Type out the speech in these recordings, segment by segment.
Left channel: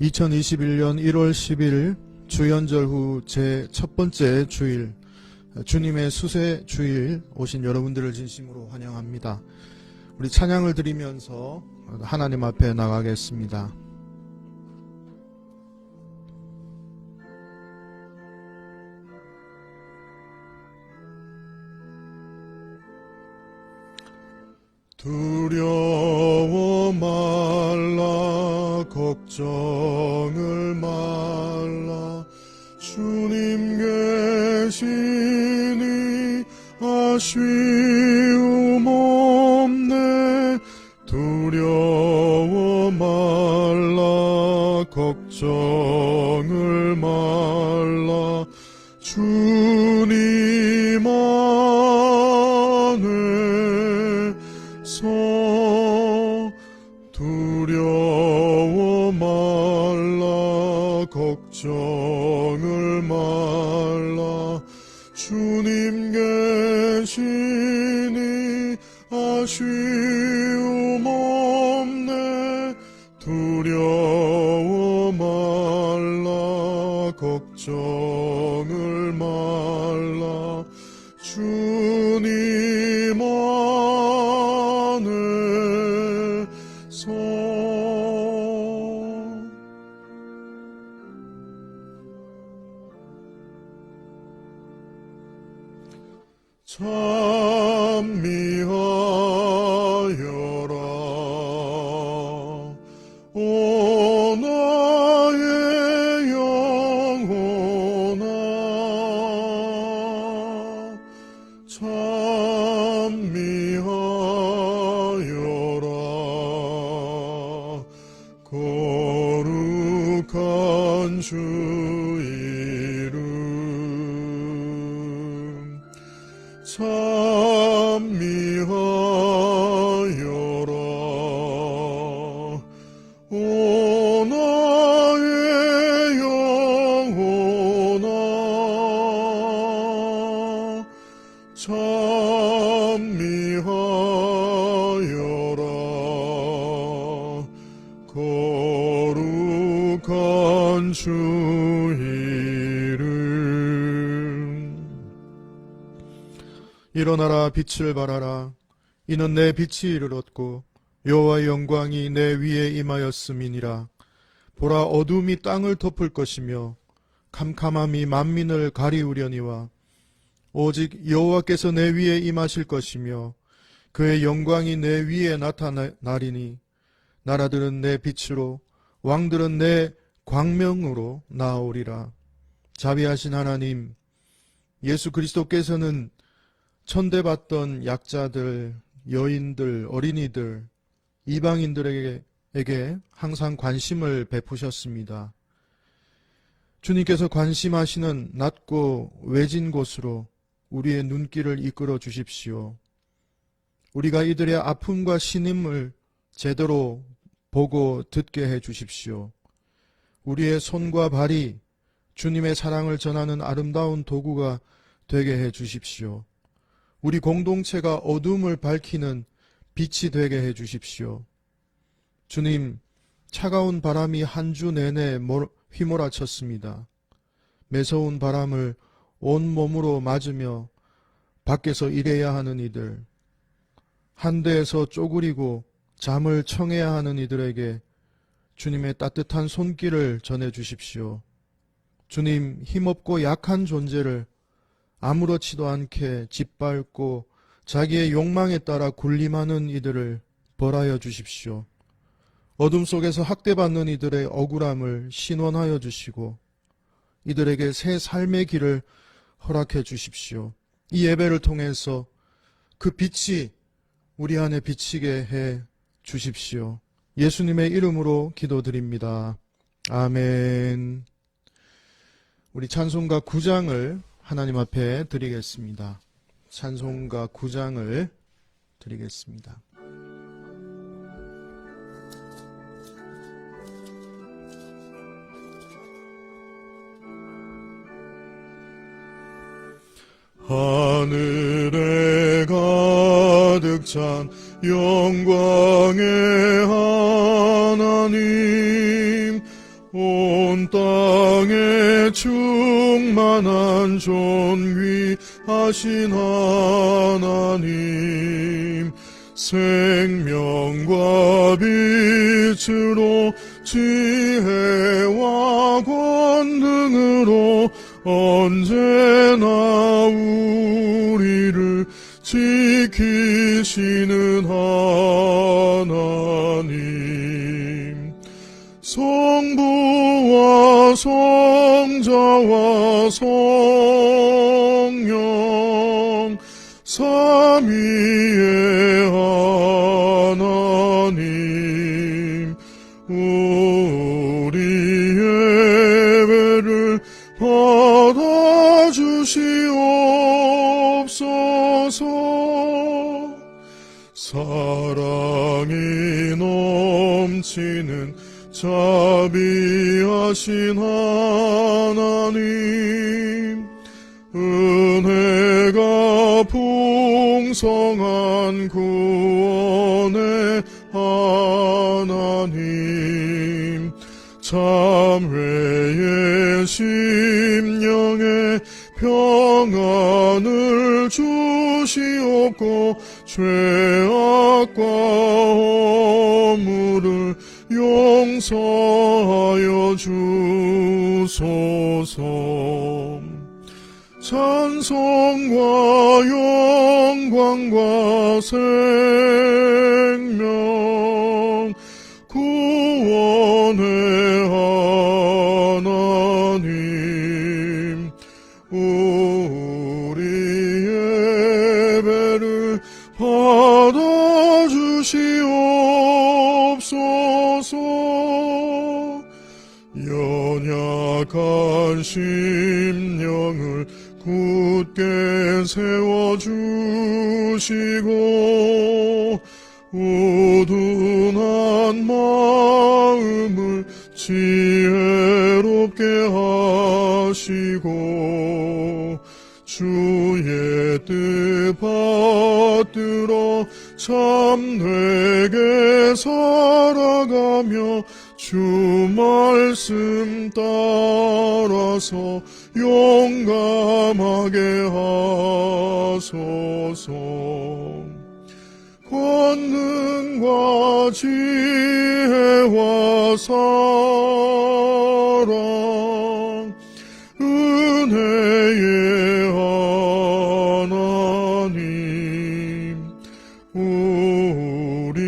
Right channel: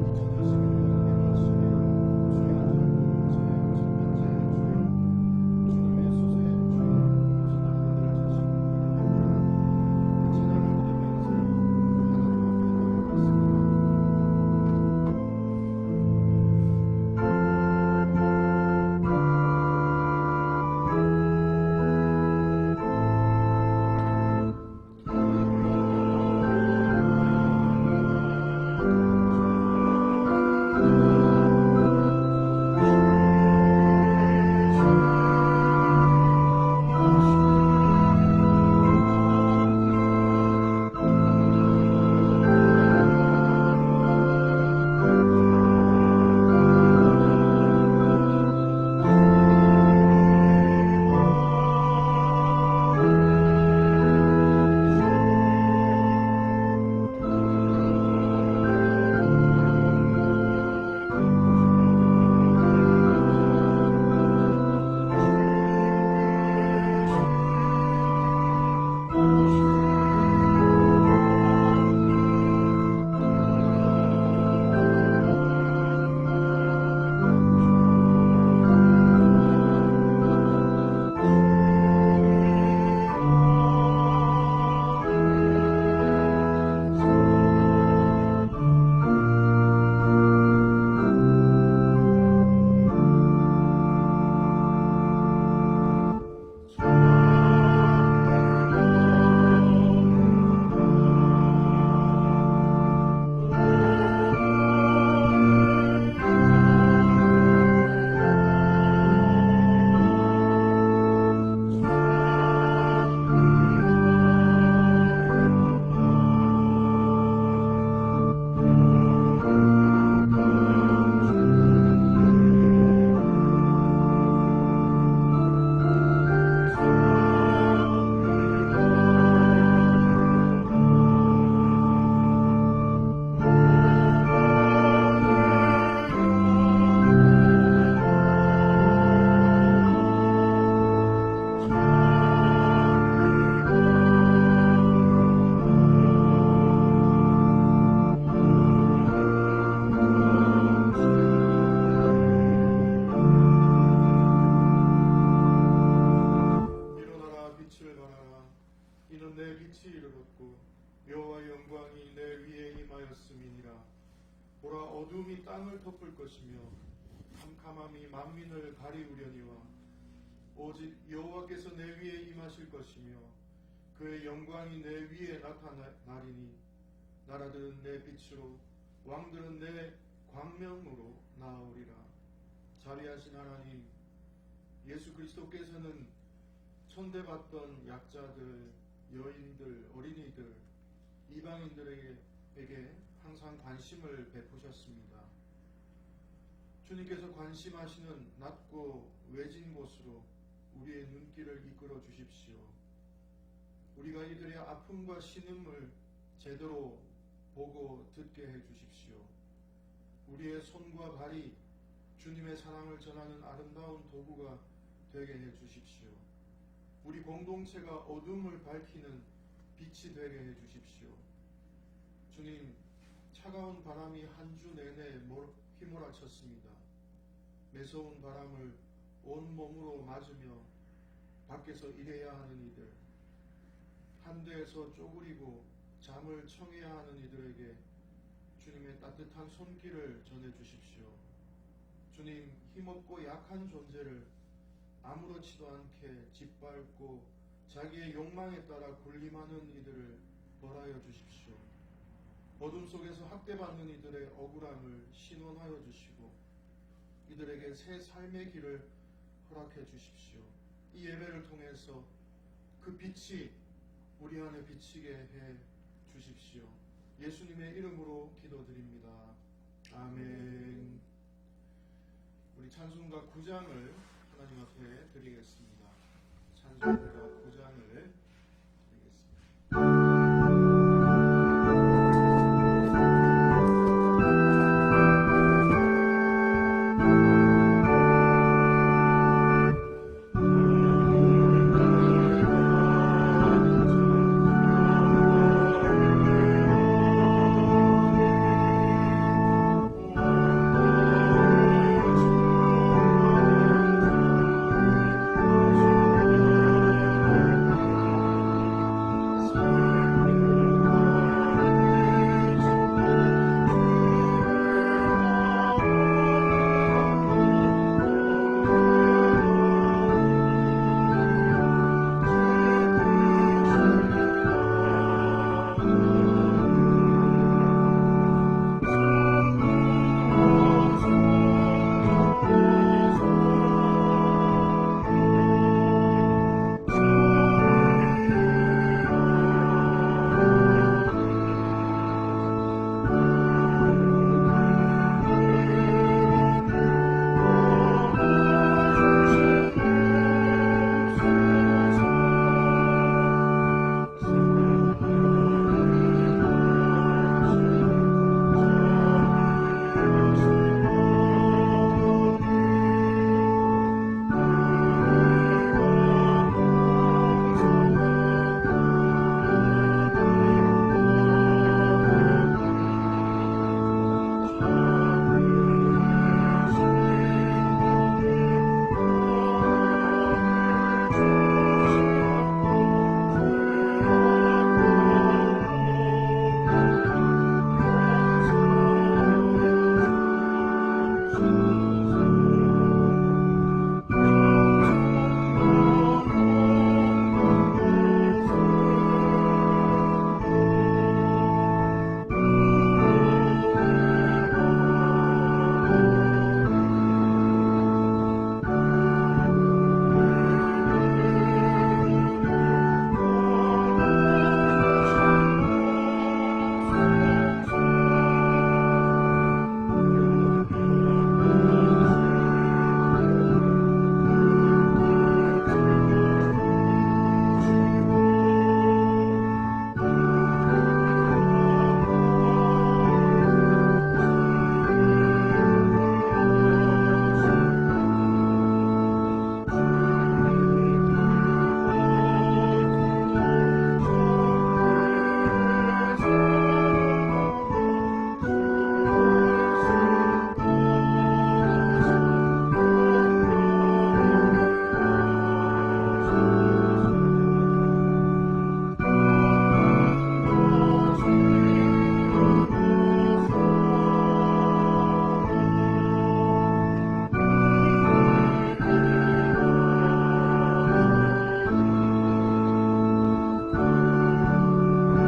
2021년 1월 10일 주연절 후 제 첫 번째 주일, 주님의 수세 주일 오신 여러분들을 진심으로 환영합니다. 우리 찬양을 드리면서 하나님 앞에 나가겠습니다. 일어나라, 빛을 발하라. 이는 내 빛이 이르렀고 여호와의 영광이 내 위에 임하였음이니라. 보라, 어둠이 땅을 덮을 것이며 캄캄함이 만민을 가리우려니와 오직 여호와께서 내 위에 임하실 것이며 그의 영광이 내 위에 나타나리니 나라들은 내 빛으로 왕들은 내 광명으로 나아오리라. 자비하신 하나님, 예수 그리스도께서는 천대받던 약자들, 여인들, 어린이들, 이방인들에게 항상 관심을 베푸셨습니다. 주님께서 관심하시는 낮고 외진 곳으로 우리의 눈길을 이끌어 주십시오. 우리가 이들의 아픔과 신임을 제대로 보고 듣게 해 주십시오. 우리의 손과 발이 주님의 사랑을 전하는 아름다운 도구가 되게 해 주십시오. 우리 공동체가 어둠을 밝히는 빛이 되게 해 주십시오. 주님, 차가운 바람이 한 주 내내 휘몰아쳤습니다. 매서운 바람을 온몸으로 맞으며 밖에서 일해야 하는 이들, 한대에서 쪼그리고 잠을 청해야 하는 이들에게 주님의 따뜻한 손길을 전해 주십시오. 주님, 힘없고 약한 존재를 아무렇지도 않게 짓밟고 자기의 욕망에 따라 군림하는 이들을 벌하여 주십시오. 어둠 속에서 학대받는 이들의 억울함을 신원하여 주시고 이들에게 새 삶의 길을 허락해 주십시오. 이 예배를 통해서 그 빛이 우리 안에 비치게 해 주십시오. 예수님의 이름으로 기도드립니다. 아멘. 우리 찬송가 9장을 하나님 앞에 드리겠습니다. 찬송가 9장을 드리겠습니다. 하늘에 가득 찬 영광의 하나님, 성자와 성령 삼위의 하나님 우리의 예배를 받아주시옵소서. 사랑이 넘치는 자비하신 하나님 은혜가 풍성한 구원의 하나님 참회의 심령에 평안을 주시옵고 죄악과 허물을 용서하여 주소서. 찬송과 영광과 생명 구원의 하나님 우리 예배를 받아주시옵소서. 연약한 심령을 굳게 세워주시고 우둔한 마음을 지혜롭게 하시고 주의 뜻 받들어 참되게 살아가며 주 말씀 따라서 용감하게 하소서. 권능과 지혜와 사랑 은혜의 하나님 우리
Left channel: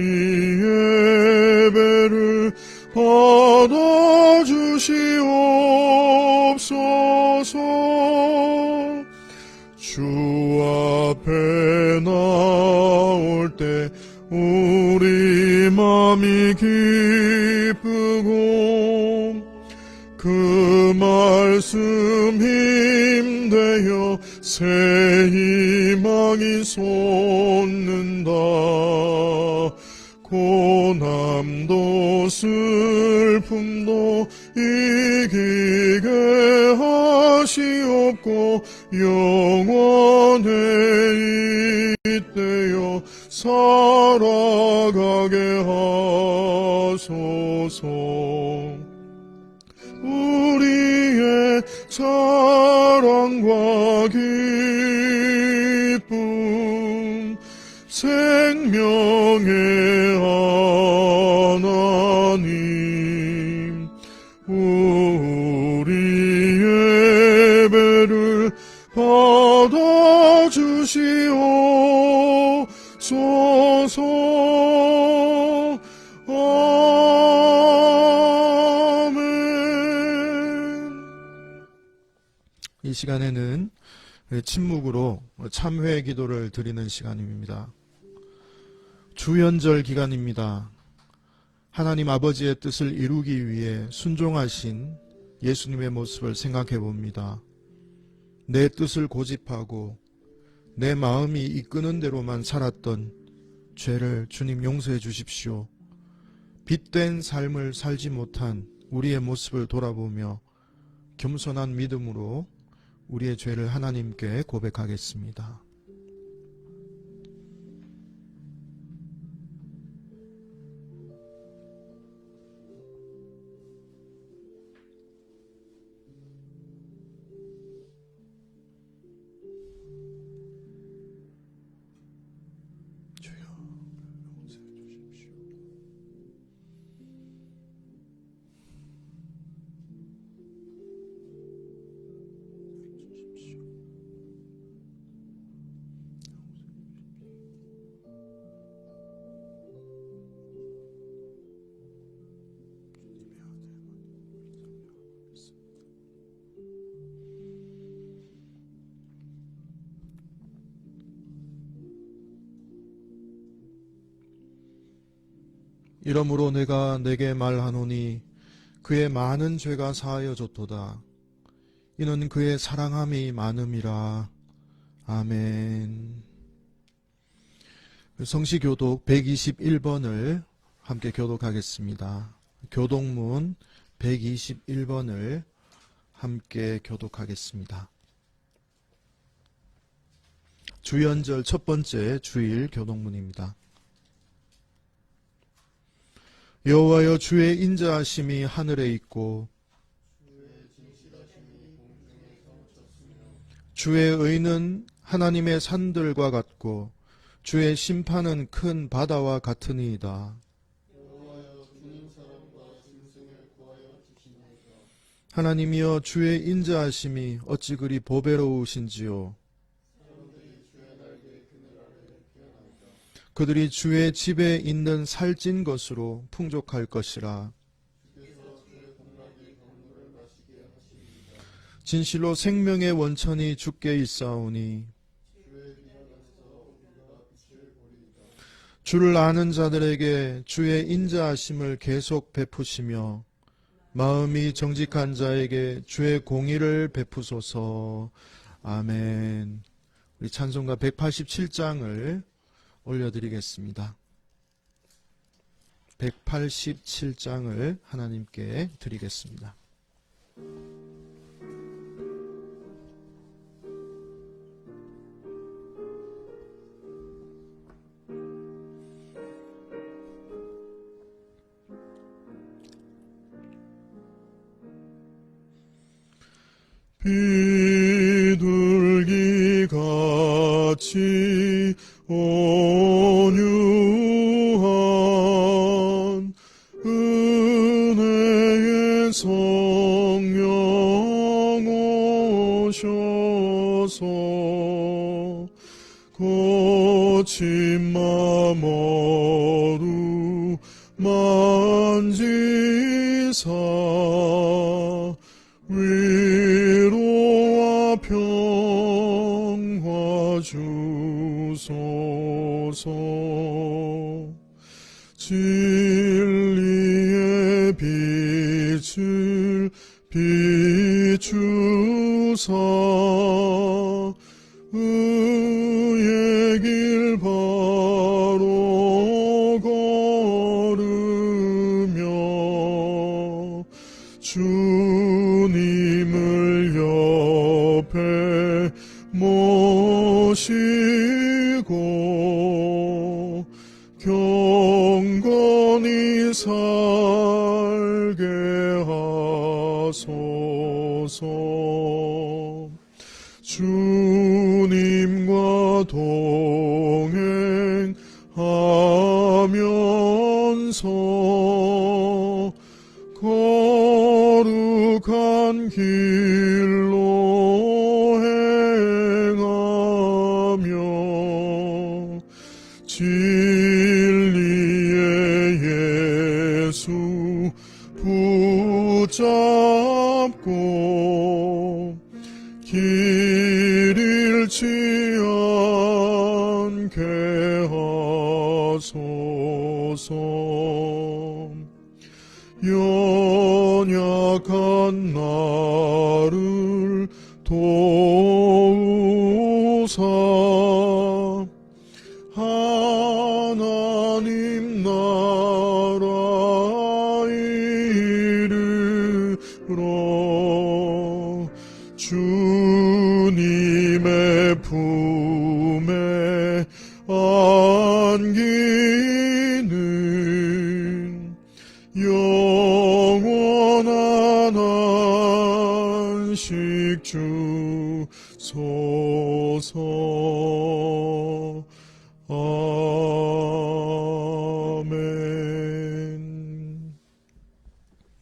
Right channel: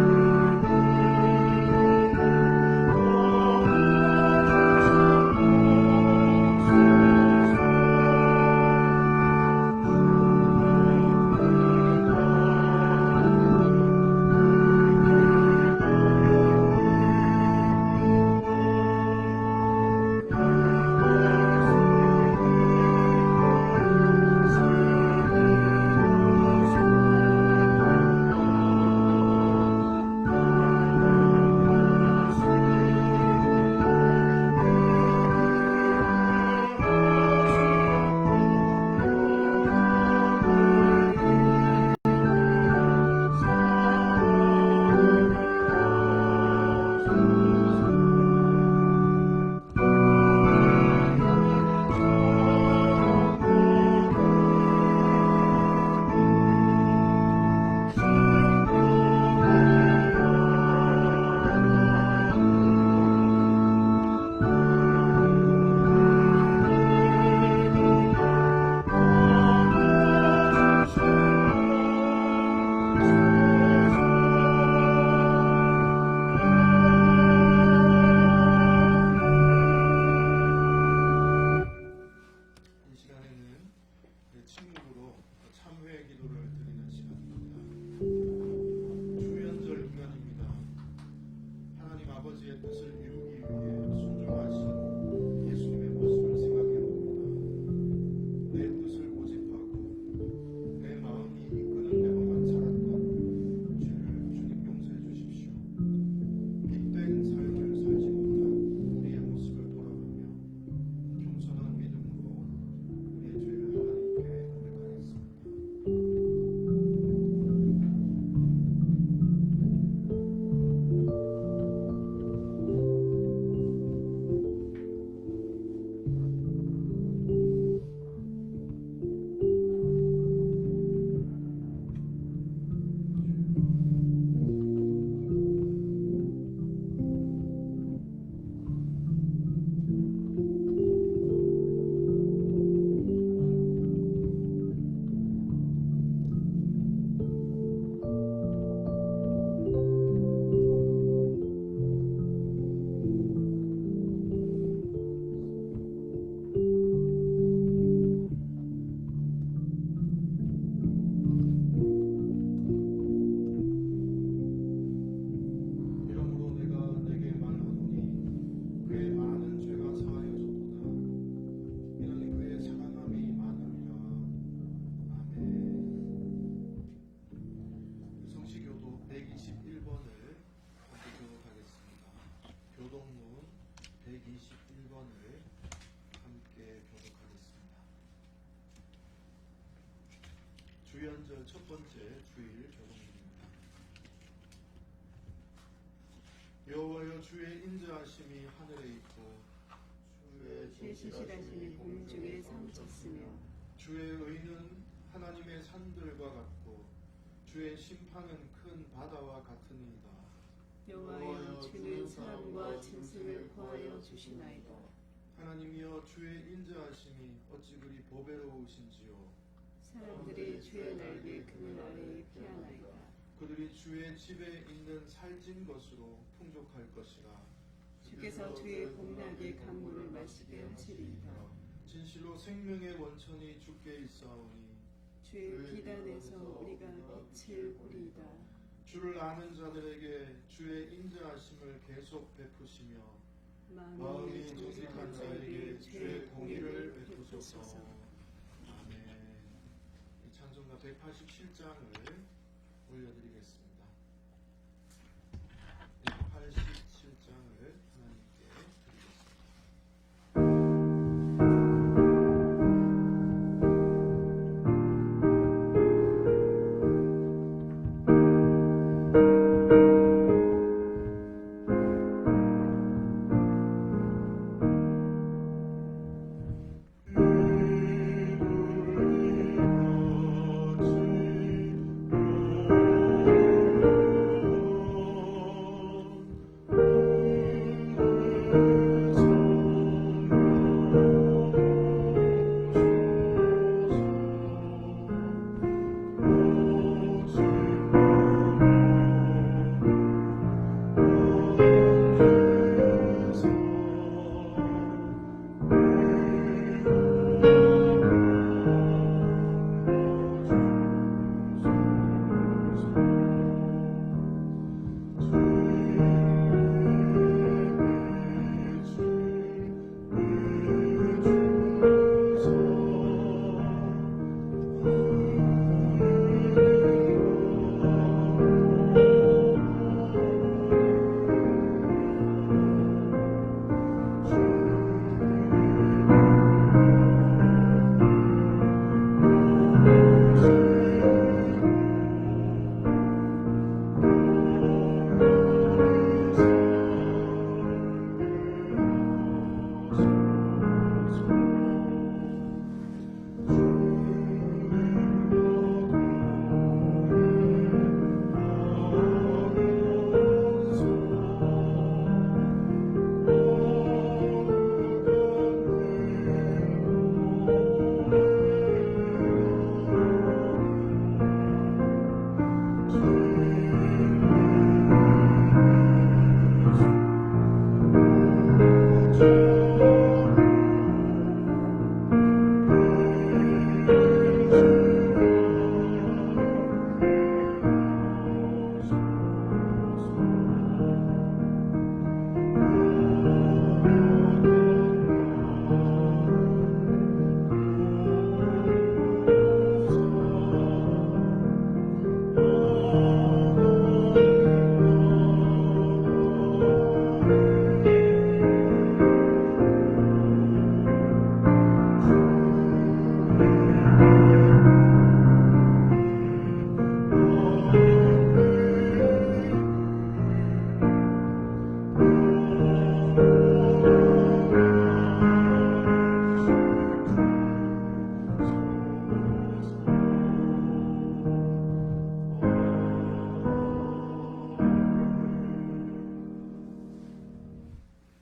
예배를 받아주시옵소서. 주 앞에 나올 때 우리 맘이 기쁘고 그 말씀 힘되어 새 희망이 솟는다. 고난도 슬픔도 이기게 하시옵고 영원에 잇대어 살아가게 하소서. 우리의 사랑과 기쁨 생명의 하나님 우리 예배를 받아주시옵소서. 아멘. 이 시간에는 침묵으로 참회 기도를 드리는 시간입니다. 주연절 기간입니다. 하나님 아버지의 뜻을 이루기 위해 순종하신 예수님의 모습을 생각해 봅니다. 내 뜻을 고집하고 내 마음이 이끄는 대로만 살았던 죄를 주님 용서해 주십시오. 빛된 삶을 살지 못한 우리의 모습을 돌아보며 겸손한 믿음으로 우리의 죄를 하나님께 고백하겠습니다. 이러므로 내가 내게 말하노니 그의 많은 죄가 사하여졌도다. 이는 그의 사랑함이 많음이라. 아멘. 성시교독 121번을 함께 교독하겠습니다. 교독문 121번을 함께 교독하겠습니다. 주연절 첫 번째 주일 교독문입니다. 여호와여, 주의 인자하심이 하늘에 있고 주의 의는 하나님의 산들과 같고 주의 심판은 큰 바다와 같으니이다. 하나님이여, 주의 인자하심이 어찌 그리 보배로우신지요. 그들이 주의 집에 있는 살찐 것으로 풍족할 것이라. 진실로 생명의 원천이 주께 있사오니 주를 아는 자들에게 주의 인자하심을 계속 베푸시며 마음이 정직한 자에게 주의 공의를 베푸소서. 아멘. 우리 찬송가 187장을 올려드리겠습니다. 187장을 하나님께 드리겠습니다. 비둘기같이 온유한 은혜의 성령 오셔서 거친 맘 어루만지사 위로와 평화 주소서. 진리의 빛을 비추사 의의 길 바로 걸으며 주님을 옆에 모시고 경건히 살게 하소서. 주님과 동행하면서 거룩한 길로 행하며 진리의 예수 붙잡고 길 잃지 않게 하소서. 연약한 나를 도우사 하나님 나라 이르러 주님의 품에 안기는 영원한 안식 주소서. 아멘.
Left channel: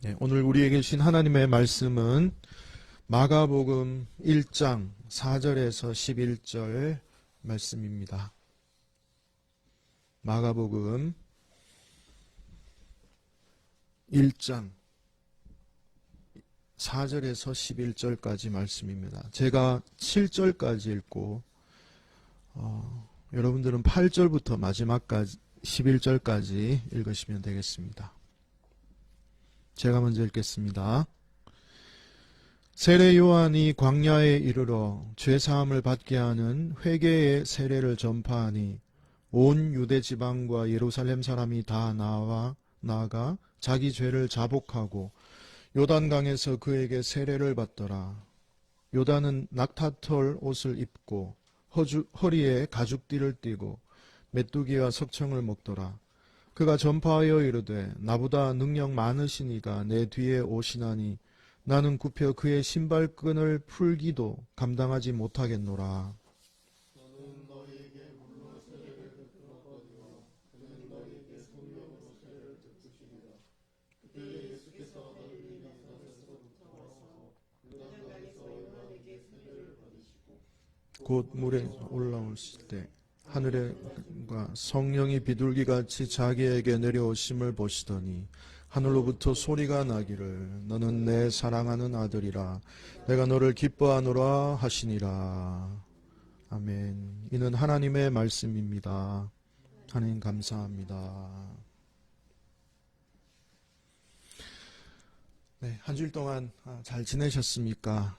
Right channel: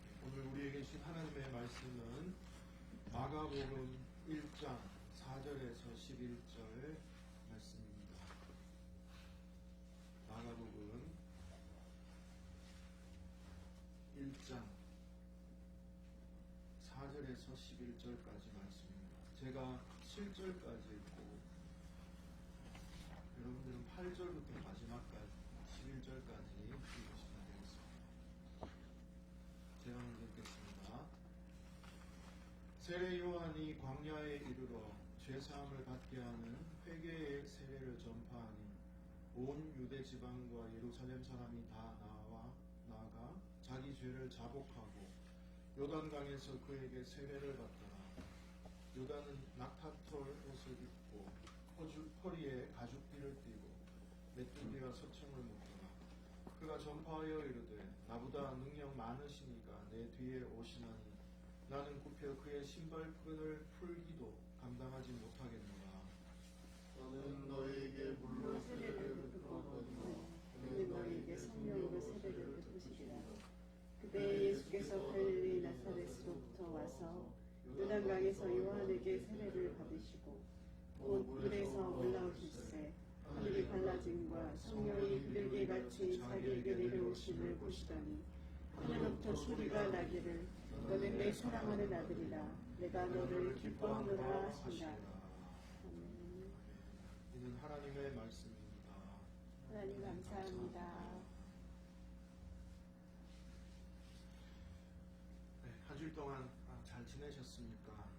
네, 오늘 우리에게 주신 하나님의 말씀은 마가복음 1장 4절에서 11절 말씀입니다. 마가복음 1장 4절에서 11절까지 말씀입니다. 제가 7절까지 읽고 여러분들은 8절부터 마지막까지 11절까지 읽으시면 되겠습니다. 제가 먼저 읽겠습니다. 세례 요한이 광야에 이르러 죄사함을 받게 하는 회개의 세례를 전파하니 온 유대 지방과 예루살렘 사람이 다 나아가 자기 죄를 자복하고 요단강에서 그에게 세례를 받더라. 요단은 낙타털 옷을 입고 허리에 가죽띠를 띠고 메뚜기와 석청을 먹더라. 그가 전파하여 이르되 나보다 능력 많으시니가 내 뒤에 오시나니 나는 굽혀 그의 신발끈을 풀기도 감당하지 못하겠노라. 곧 물에 올라오실 때 하늘과 성령이 비둘기같이 자기에게 내려오심을 보시더니 하늘로부터 소리가 나기를 너는 내 사랑하는 아들이라 내가 너를 기뻐하노라 하시니라. 아멘. 이는 하나님의 말씀입니다. 하나님 감사합니다. 네, 한 주일 동안 잘 지내셨습니까?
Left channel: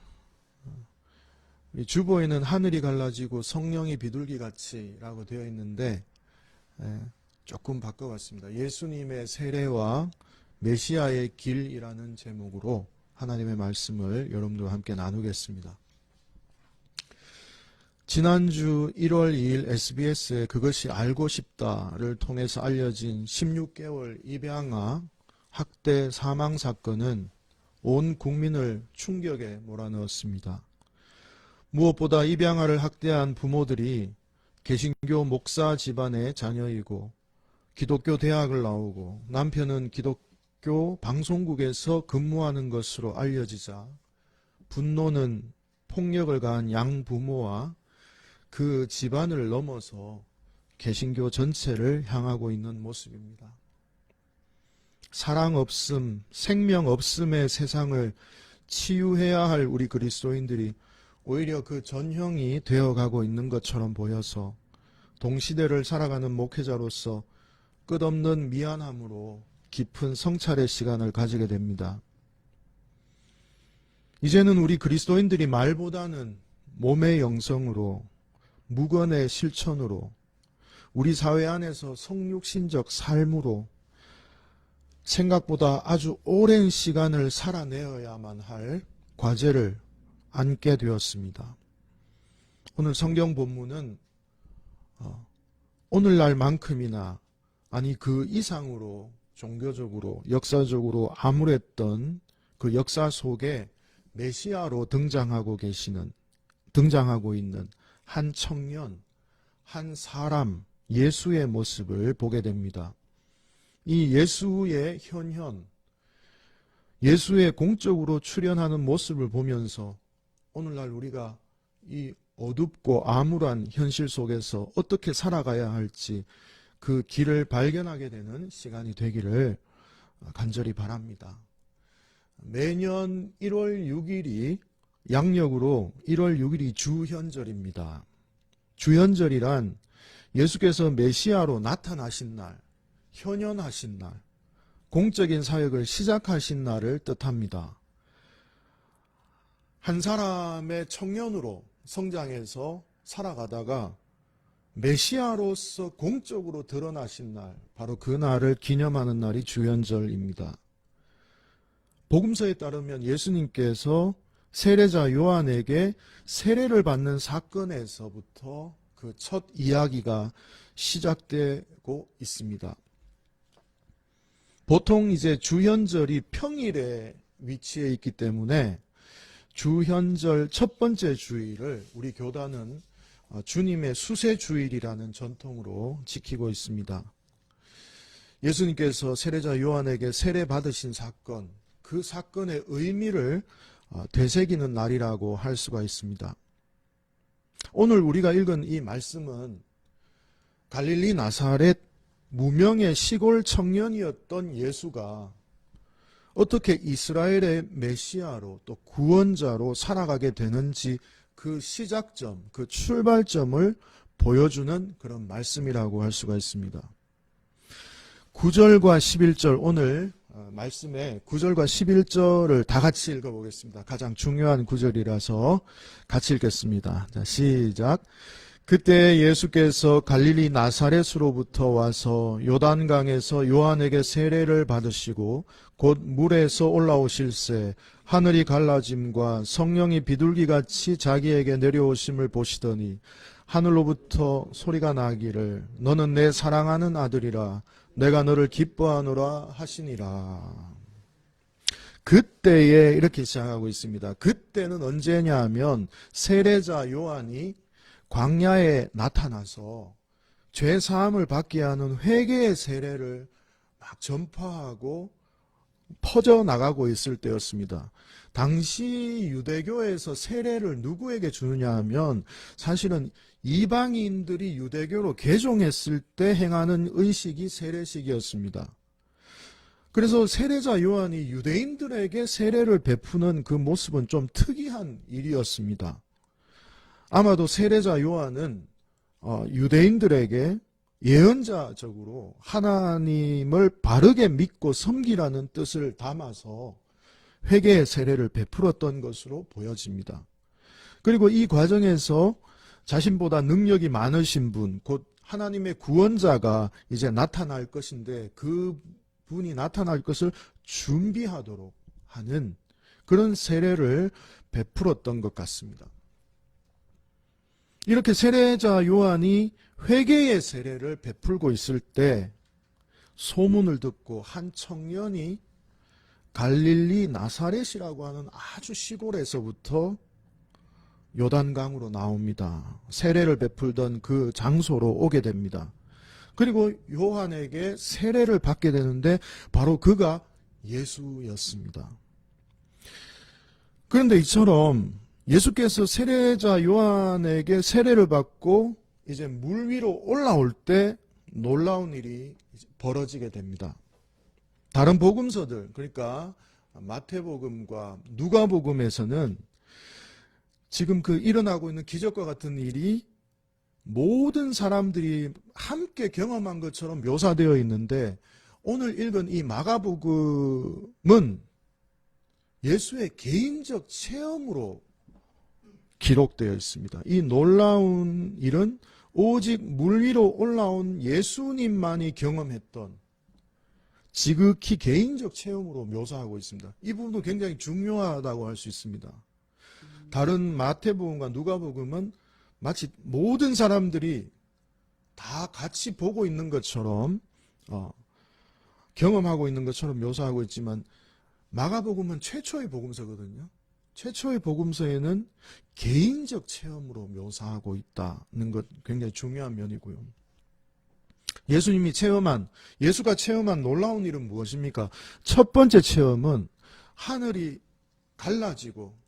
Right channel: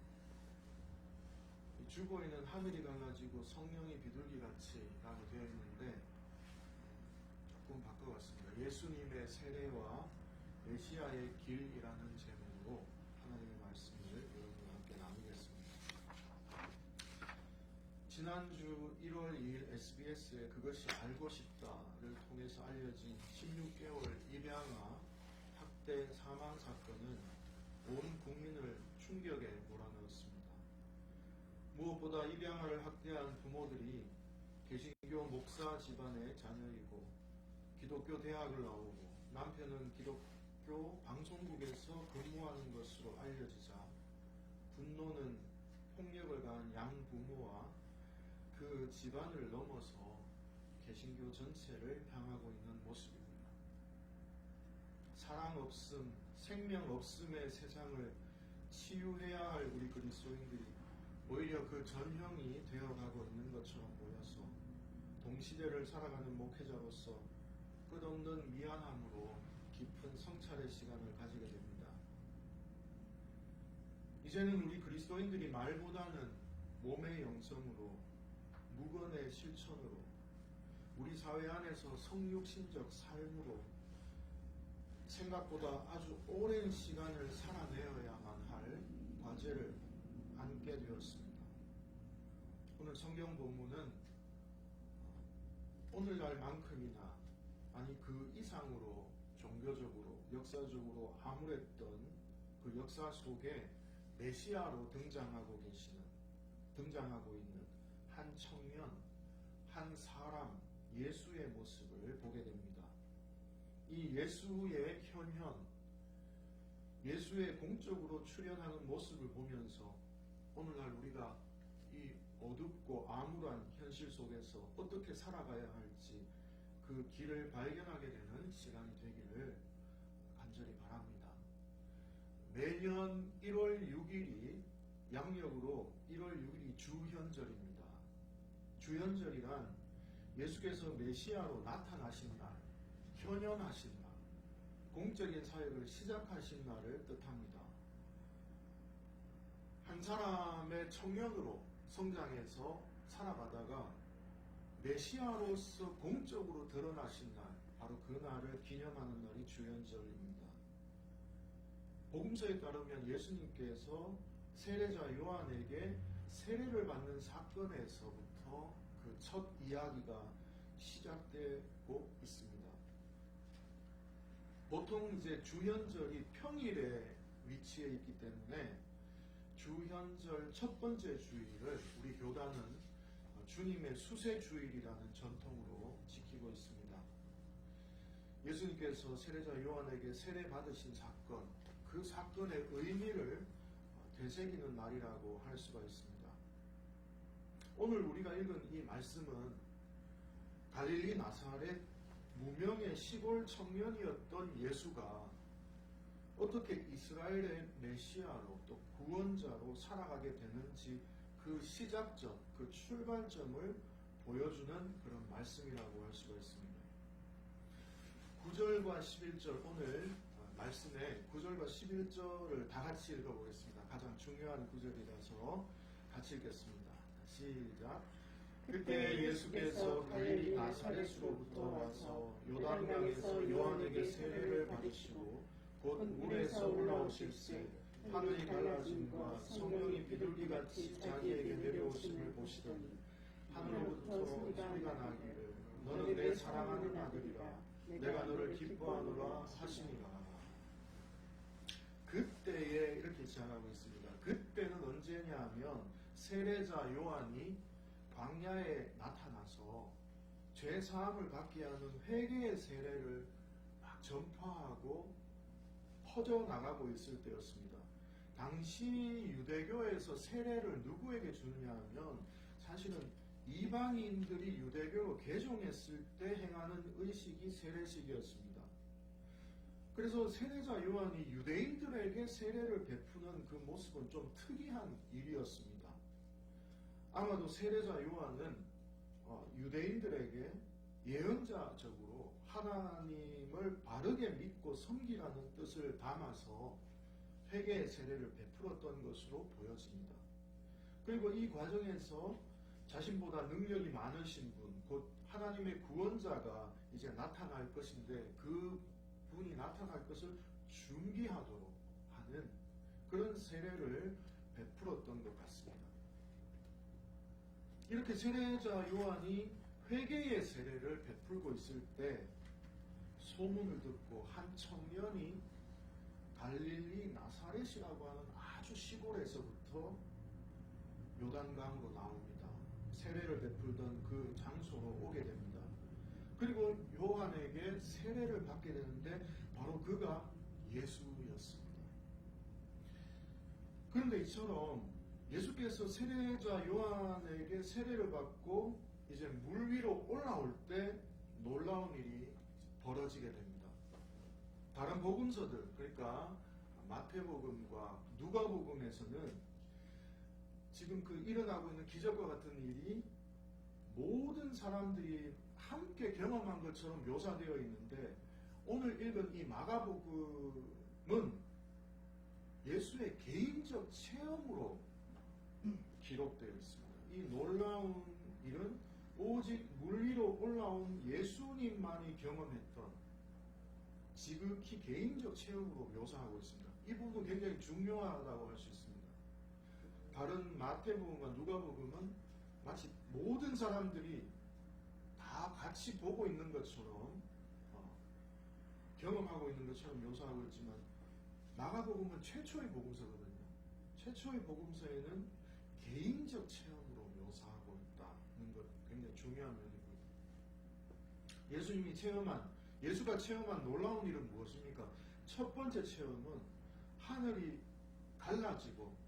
이 주보에는 하늘이 갈라지고 성령이 비둘기같이 라고 되어 있는데 조금 바꿔봤습니다. 예수님의 세례와 메시아의 길이라는 제목으로 하나님의 말씀을 여러분들과 함께 나누겠습니다. 지난주 1월 2일 SBS의 그것이 알고 싶다를 통해서 알려진 16개월 입양아 학대 사망 사건은 온 국민을 충격에 몰아넣었습니다. 무엇보다 입양아를 학대한 부모들이 개신교 목사 집안의 자녀이고 기독교 대학을 나오고 남편은 기독교 방송국에서 근무하는 것으로 알려지자 분노는 폭력을 가한 양부모와 그 집안을 넘어서 개신교 전체를 향하고 있는 모습입니다. 사랑 없음, 생명 없음의 세상을 치유해야 할 우리 그리스도인들이 오히려 그 전형이 되어가고 있는 것처럼 보여서 동시대를 살아가는 목회자로서 끝없는 미안함으로 깊은 성찰의 시간을 가지게 됩니다. 이제는 우리 그리스도인들이 말보다는 몸의 영성으로 무건의 실천으로 우리 사회 안에서 성육신적 삶으로 생각보다 아주 오랜 시간을 살아내어야만 할 과제를 안게 되었습니다. 오늘 성경 본문은 오늘날만큼이나 아니 그 이상으로 종교적으로 역사적으로 암울했던 그 역사 속에 메시아로 등장하고 있는 한 청년, 한 사람, 예수의 모습을 보게 됩니다. 이 예수의 현현, 예수의 공적으로 출현하는 모습을 보면서 오늘날 우리가 이 어둡고 암울한 현실 속에서 어떻게 살아가야 할지 그 길을 발견하게 되는 시간이 되기를 간절히 바랍니다. 매년 1월 6일이 양력으로 1월 6일이 주현절입니다. 주현절이란 예수께서 메시아로 나타나신 날, 현현하신 날, 공적인 사역을 시작하신 날을 뜻합니다. 한 사람의 청년으로 성장해서 살아가다가 메시아로서 공적으로 드러나신 날, 바로 그 날을 기념하는 날이 주현절입니다. 복음서에 따르면 예수님께서 세례자 요한에게 세례를 받는 사건에서부터 그 첫 이야기가 시작되고 있습니다. 보통 이제 주현절이 평일에 위치해 있기 때문에 주현절 첫 번째 주일을 우리 교단은 주님의 수세주일이라는 전통으로 지키고 있습니다. 예수님께서 세례자 요한에게 세례 받으신 사건, 그 사건의 의미를 되새기는 날이라고 할 수가 있습니다. 오늘 우리가 읽은 이 말씀은 갈릴리 나사렛 무명의 시골 청년이었던 예수가 어떻게 이스라엘의 메시아로 또 구원자로 살아가게 되는지 그 시작점, 그 출발점을 보여주는 그런 말씀이라고 할 수가 있습니다. 9절과 11절 오늘 말씀에 9절과 11절을 다 같이 읽어보겠습니다. 가장 중요한 구절이라서 같이 읽겠습니다. 자, 시작. 그때 예수께서 갈릴리 나사렛으로부터 와서 요단강에서 요한에게 세례를 받으시고 곧 물에서 올라오실새 하늘이 갈라짐과 성령이 비둘기같이 자기에게 내려오심을 보시더니 하늘로부터 소리가 나기를 너는 내 사랑하는 아들이라 내가 너를 기뻐하노라 하시니라. 그때에 이렇게 시작하고 있습니다. 그때는 언제냐 하면 세례자 요한이 광야에 나타나서 죄사함을 받게 하는 회개의 세례를 막 전파하고 퍼져나가고 있을 때였습니다. 당시 유대교에서 세례를 누구에게 주느냐 하면 사실은 이방인들이 유대교로 개종했을 때 행하는 의식이 세례식이었습니다. 그래서 세례자 요한이 유대인들에게 세례를 베푸는 그 모습은 좀 특이한 일이었습니다. 아마도 세례자 요한은 유대인들에게 예언자적으로 하나님을 바르게 믿고 섬기라는 뜻을 담아서 회개의 세례를 베풀었던 것으로 보여집니다. 그리고 이 과정에서 자신보다 능력이 많으신 분, 곧 하나님의 구원자가 이제 나타날 것인데 그 분이 나타날 것을 준비하도록 하는 그런 세례를 베풀었던 것 같습니다. 이렇게 세례자 요한이 회개의 세례를 베풀고 있을 때 소문을 듣고 한 청년이 갈릴리 나사렛이라고 하는 아주 시골에서부터 요단강으로 나옵니다. 세례를 베풀던 그 장소로 오게 됩니다. 그리고 요한에게 세례를 받게 되는데 바로 그가 예수였습니다. 그런데 이처럼 예수께서 세례자 요한에게 세례를 받고 이제 물 위로 올라올 때 놀라운 일이 벌어지게 됩니다. 다른 복음서들, 그러니까 마태복음과 누가복음에서는 지금 그 일어나고 있는 기적과 같은 일이 모든 사람들이 함께 경험한 것처럼 묘사되어 있는데 오늘 읽은 이 마가복음은 예수의 개인적 체험으로 기록되어 있습니다. 이 놀라운 일은 오직 물 위로 올라온 예수님만이 경험했던 지극히 개인적 체험으로 묘사하고 있습니다. 이 부분도 굉장히 중요하다고 할 수 있습니다. 다른 마태복음과 누가복음은 마치 모든 사람들이 다 같이 보고 있는 것처럼 경험하고 있는 것처럼 묘사하고 있지만 마가복음은 최초의 복음서거든요. 최초의 복음서에는 개인적 체험으로 묘사하고 있다는 것 굉장히 중요한 면이고요. 예수가 체험한 놀라운 일은 무엇입니까? 첫 번째 체험은 하늘이 갈라지고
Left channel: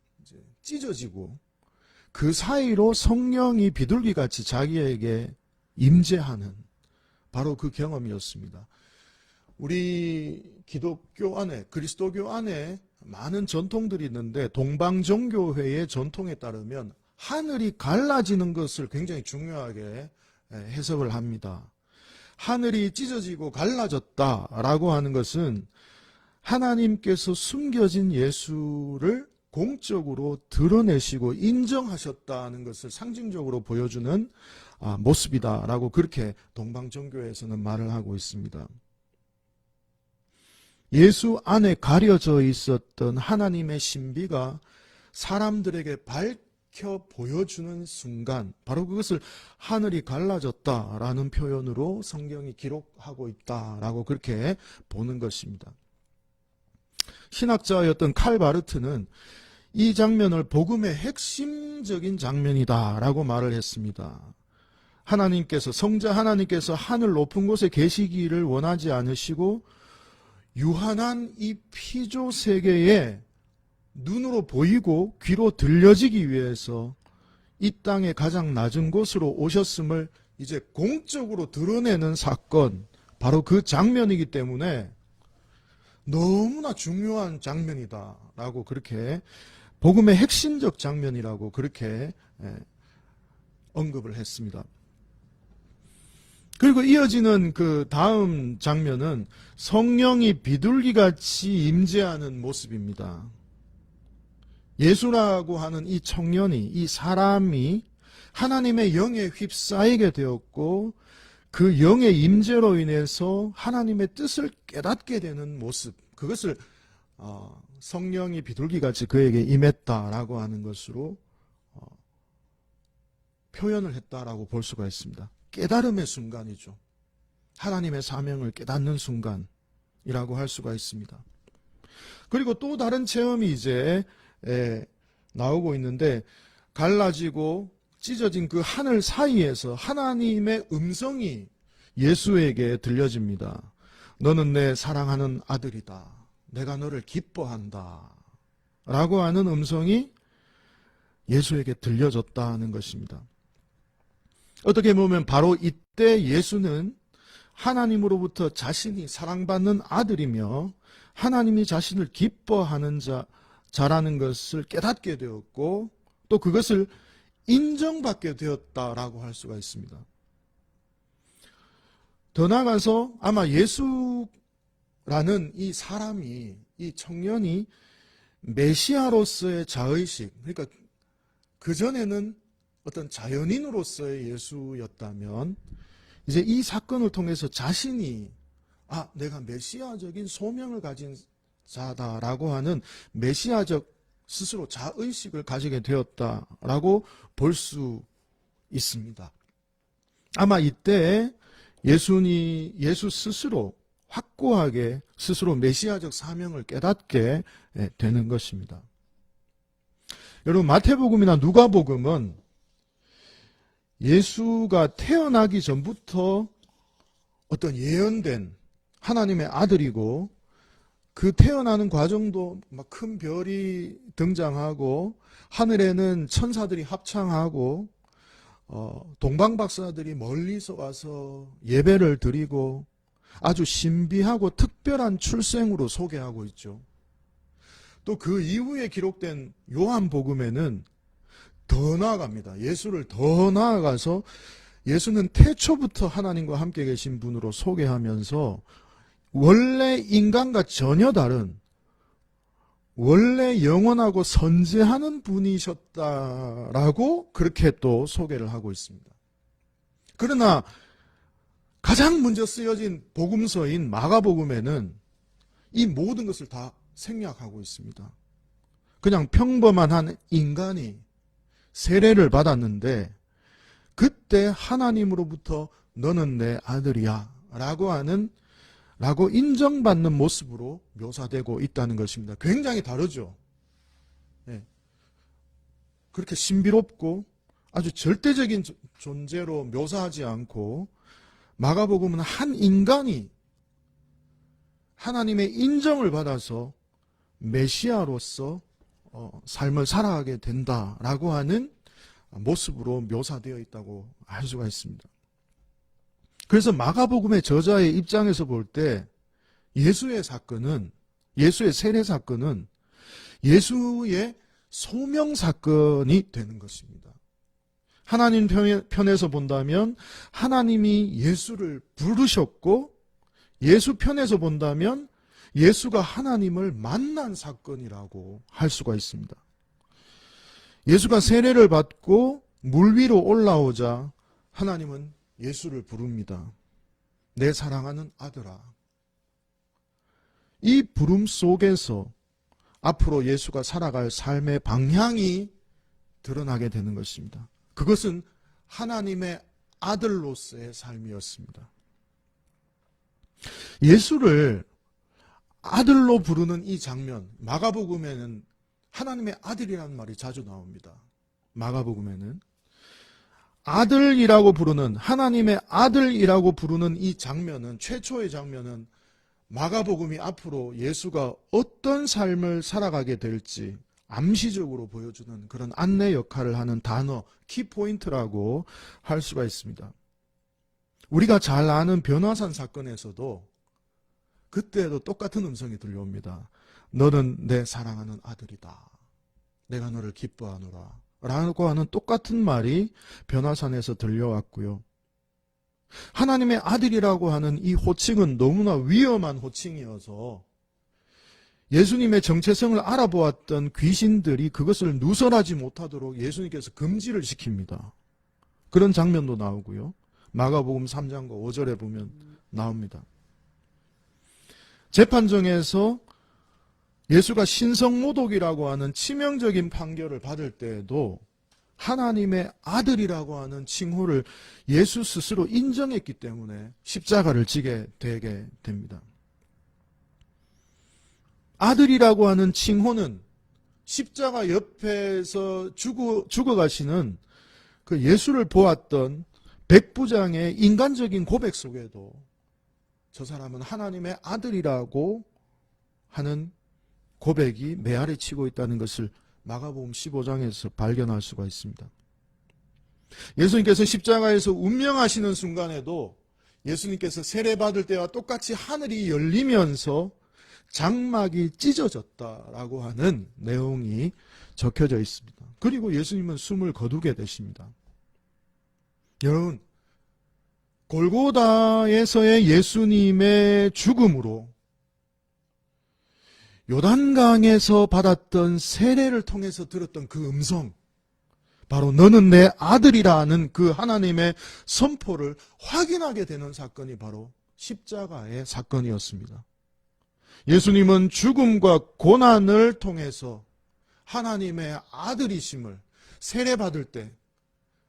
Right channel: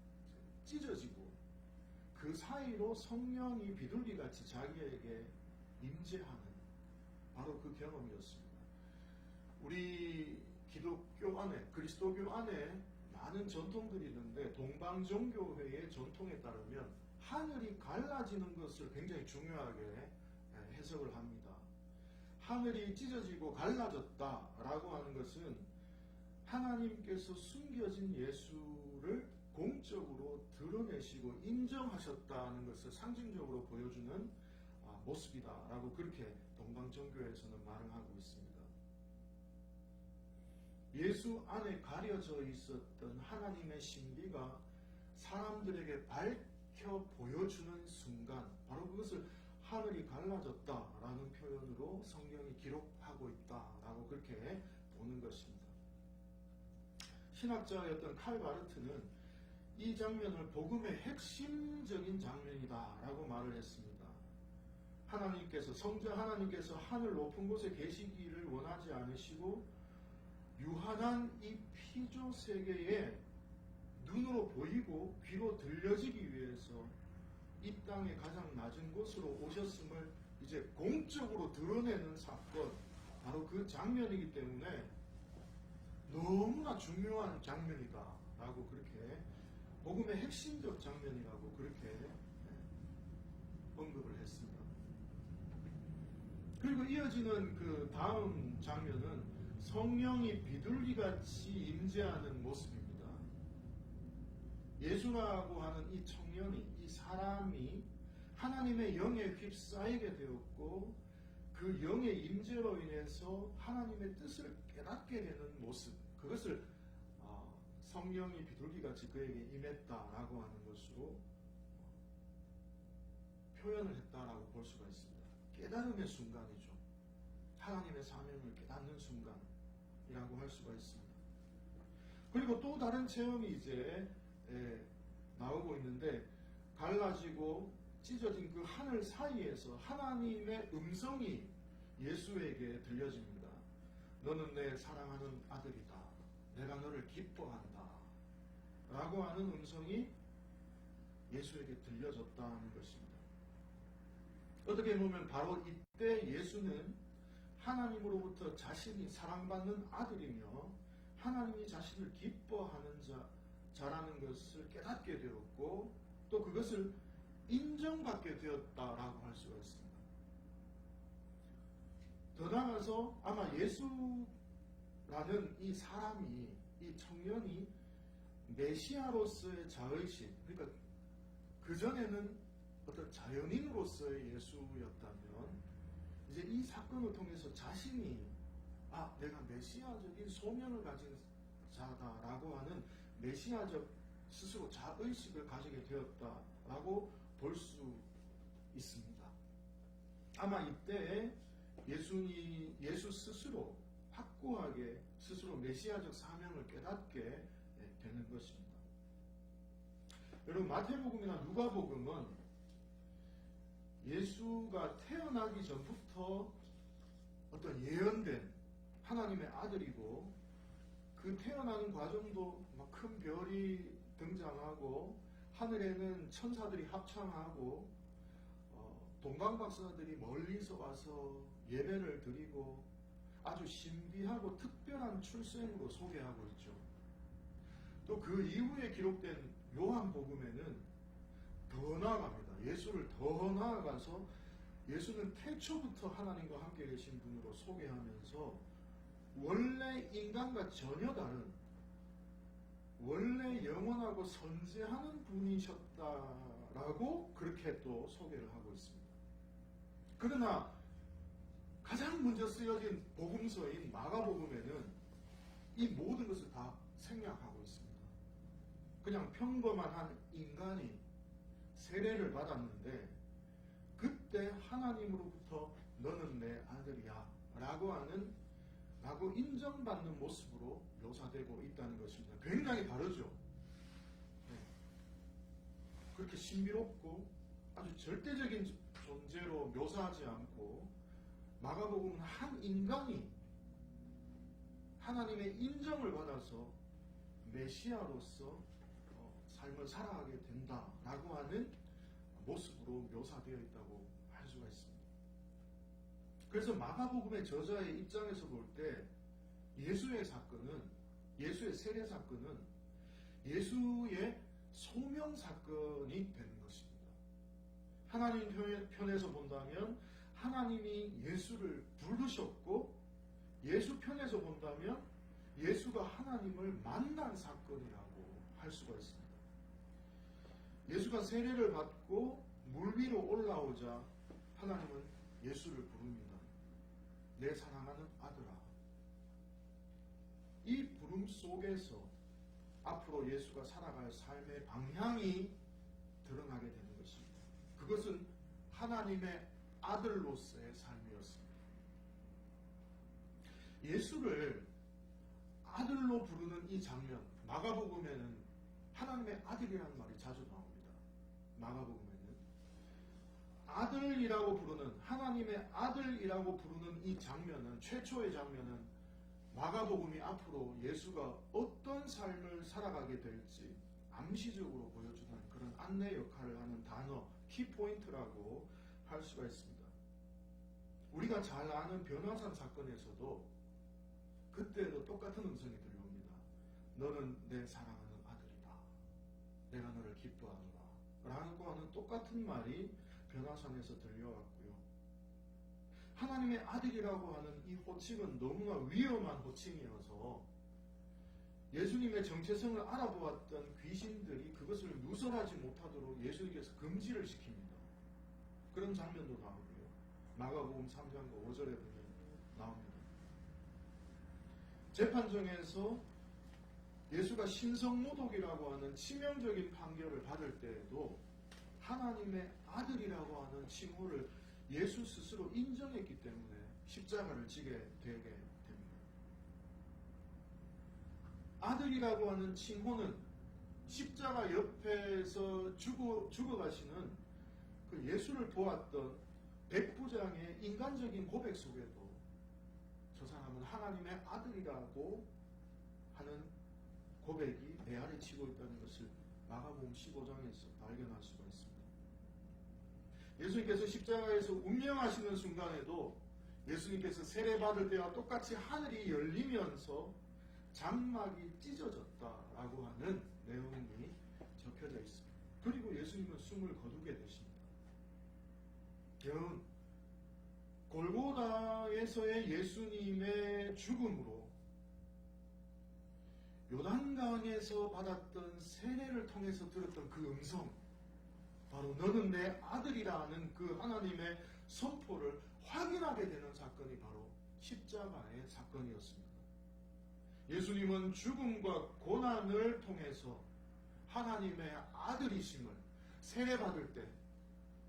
찢어지고 그 사이로 성령이 비둘기같이 자기에게 임재하는 바로 그 경험이었습니다. 우리 기독교 안에, 그리스도교 안에 많은 전통들이 있는데 동방정교회의 전통에 따르면 하늘이 갈라지는 것을 굉장히 중요하게 해석을 합니다. 하늘이 찢어지고 갈라졌다라고 하는 것은 하나님께서 숨겨진 예수를 공적으로 드러내시고 인정하셨다는 것을 상징적으로 보여주는 모습이다라고 그렇게 동방정교에서는 말을 하고 있습니다. 예수 안에 가려져 있었던 하나님의 신비가 사람들에게 밝혀 보여주는 순간 바로 그것을 하늘이 갈라졌다라는 표현으로 성경이 기록하고 있다라고 그렇게 보는 것입니다. 신학자였던 칼 바르트는 이 장면을 복음의 핵심적인 장면이다라고 말을 했습니다. 성자 하나님께서 하늘 높은 곳에 계시기를 원하지 않으시고 유한한 이 피조 세계에 눈으로 보이고 귀로 들려지기 위해서 이 땅의 가장 낮은 곳으로 오셨음을 이제 공적으로 드러내는 사건, 바로 그 장면이기 때문에 너무나 중요한 장면이다라고 그렇게 복음의 핵심적 장면이라고 그렇게 언급을 했습니다. 그리고 이어지는 그 다음 장면은 성령이 비둘기같이 임재하는 모습입니다. 예수라고 하는 이 청년이, 이 사람이 하나님의 영에 휩싸이게 되었고 그 영의 임재로 인해서 하나님의 뜻을 깨닫게 되는 모습, 그것을 성령이 비둘기같이 그에게 임했다라고 하는 것으로 표현을 했다라고 볼 수가 있습니다. 깨달음의 순간이죠. 하나님의 사명을 깨닫는 순간이라고 할 수가 있습니다. 그리고 또 다른 체험이 이제 나오고 있는데, 갈라지고 찢어진 그 하늘 사이에서 하나님의 음성이 예수에게 들려집니다. 너는 내 사랑하는 아들이다. 내가 너를 기뻐한다. 라고 하는 음성이 예수에게 들려졌다는 것입니다. 어떻게 보면 바로 이때 예수는 하나님으로부터 자신이 사랑받는 아들이며 하나님이 자신을 기뻐하는 자라는 것을 깨닫게 되었고 또 그것을 인정받게 되었다라고 할 수가 있습니다. 더 나아가서 아마 예수라는 이 사람이, 이 청년이 메시아로서의 자의식, 그러니까 그전에는 어떤 자연인으로서의 예수였다면 이제 이 사건을 통해서 자신이 내가 메시아적인 소명을 가진 자다라고 하는 메시아적 스스로 자의식을 가지게 되었다라고 볼 수 있습니다. 아마 이때 예수 스스로 확고하게 스스로 메시아적 사명을 깨닫게 되는 것입니다. 여러분, 마태복음이나 누가복음은 예수가 태어나기 전부터 어떤 예언된 하나님의 아들이고 그 태어나는 과정도 막 큰 별이 등장하고 하늘에는 천사들이 합창하고 동방박사들이 멀리서 와서 예배를 드리고 아주 신비하고 특별한 출생으로 소개하고 있죠. 또 그 이후에 기록된 요한복음에는 더 나아갑니다. 예수를 더 나아가서 예수는 태초부터 하나님과 함께 계신 분으로 소개하면서 원래 인간과 전혀 다른 원래 영원하고 선재하는 분이셨다라고 그렇게 또 소개를 하고 있습니다. 그러나 가장 먼저 쓰여진 복음서인 마가복음에는 이 모든 것을 다 생략하고 있습니다. 그냥 평범한 한 인간이 세례를 받았는데 그때 하나님으로부터 너는 내 아들이야 라고 인정받는 모습으로 묘사되고 있다는 것입니다. 굉장히 다르죠. 네. 그렇게 신비롭고 아주 절대적인 존재로 묘사하지 않고 마가복음은 한 인간이 하나님의 인정을 받아서 메시아로서 삶을 살아가게 된다라고 하는 모습으로 묘사되어 있다고 할 수가 있습니다. 그래서 마가복음의 저자의 입장에서 볼 때 예수의 세례 사건은 예수의 소명 사건이 되는 것입니다. 하나님 편에서 본다면 하나님이 예수를 부르셨고 예수 편에서 본다면 예수가 하나님을 만난 사건이라고 할 수가 있습니다. 예수가 세례를 받고 물 위로 올라오자 하나님은 예수를 부릅니다. 내 사랑하는 아들아. 이 부름 속에서 앞으로 예수가 살아갈 삶의 방향이 드러나게 되는 것입니다. 그것은 하나님의 아들로서의 삶이었습니다. 예수를 아들로 부르는 이 장면, 마가복음에는 하나님의 아들이라는 말이 자주 나옵니다. 마가복음에는 아들이라고 부르는, 하나님의 아들이라고 부르는 이 장면은, 최초의 장면은 마가복음이 앞으로 예수가 어떤 삶을 살아가게 될지 암시적으로 보여주는 그런 안내 역할을 하는 단어, 키포인트라고 할 수가 있습니다. 우리가 잘 아는 변화산 사건에서도 그때도 똑같은 음성이 들려옵니다. 너는 내 사랑하는 아들이다. 내가 너를 기뻐하노라. 라고 하는 똑같은 말이 변화산에서 들려왔고요. 하나님의 아들이라고 하는 이 호칭은 너무나 위험한 호칭이어서 예수님의 정체성을 알아보았던 귀신들이 그것을 누설하지 못하도록 예수님께서 금지를 시킵니다. 그런 장면도 나오고요. 마가복음 3장과 5절에 보면 나옵니다. 재판정에서 예수가 신성모독이라고 하는 치명적인 판결을 받을 때에도 하나님의 아들이라고 하는 칭호를 예수 스스로 인정했기 때문에 십자가를 지게 되게 됩니다. 아들이라고 하는 칭호는 십자가 옆에서 죽어가시는 그 예수를 보았던 백부장의 인간적인 고백 속에도 저 사람은 하나님의 아들이라고 하는 고백이 메아리 치고 있다는 것을 마가복음 15장에서 발견할 수가 있습니다. 예수님께서 십자가에서 운명하시는 순간에도 예수님께서 세례받을 때와 똑같이 하늘이 열리면서 장막이 찢어졌다라고 하는 내용이 적혀져 있습니다. 그리고 예수님은 숨을 거두게 되십니다. 여러분, 골고다에서의 예수님의 죽음으로 요단강에서 받았던 세례를 통해서 들었던 그 음성, 바로 너는 내 아들이라는 그 하나님의 선포를 확인하게 되는 사건이 바로 십자가의 사건이었습니다. 예수님은 죽음과 고난을 통해서 하나님의 아들이심을 세례받을 때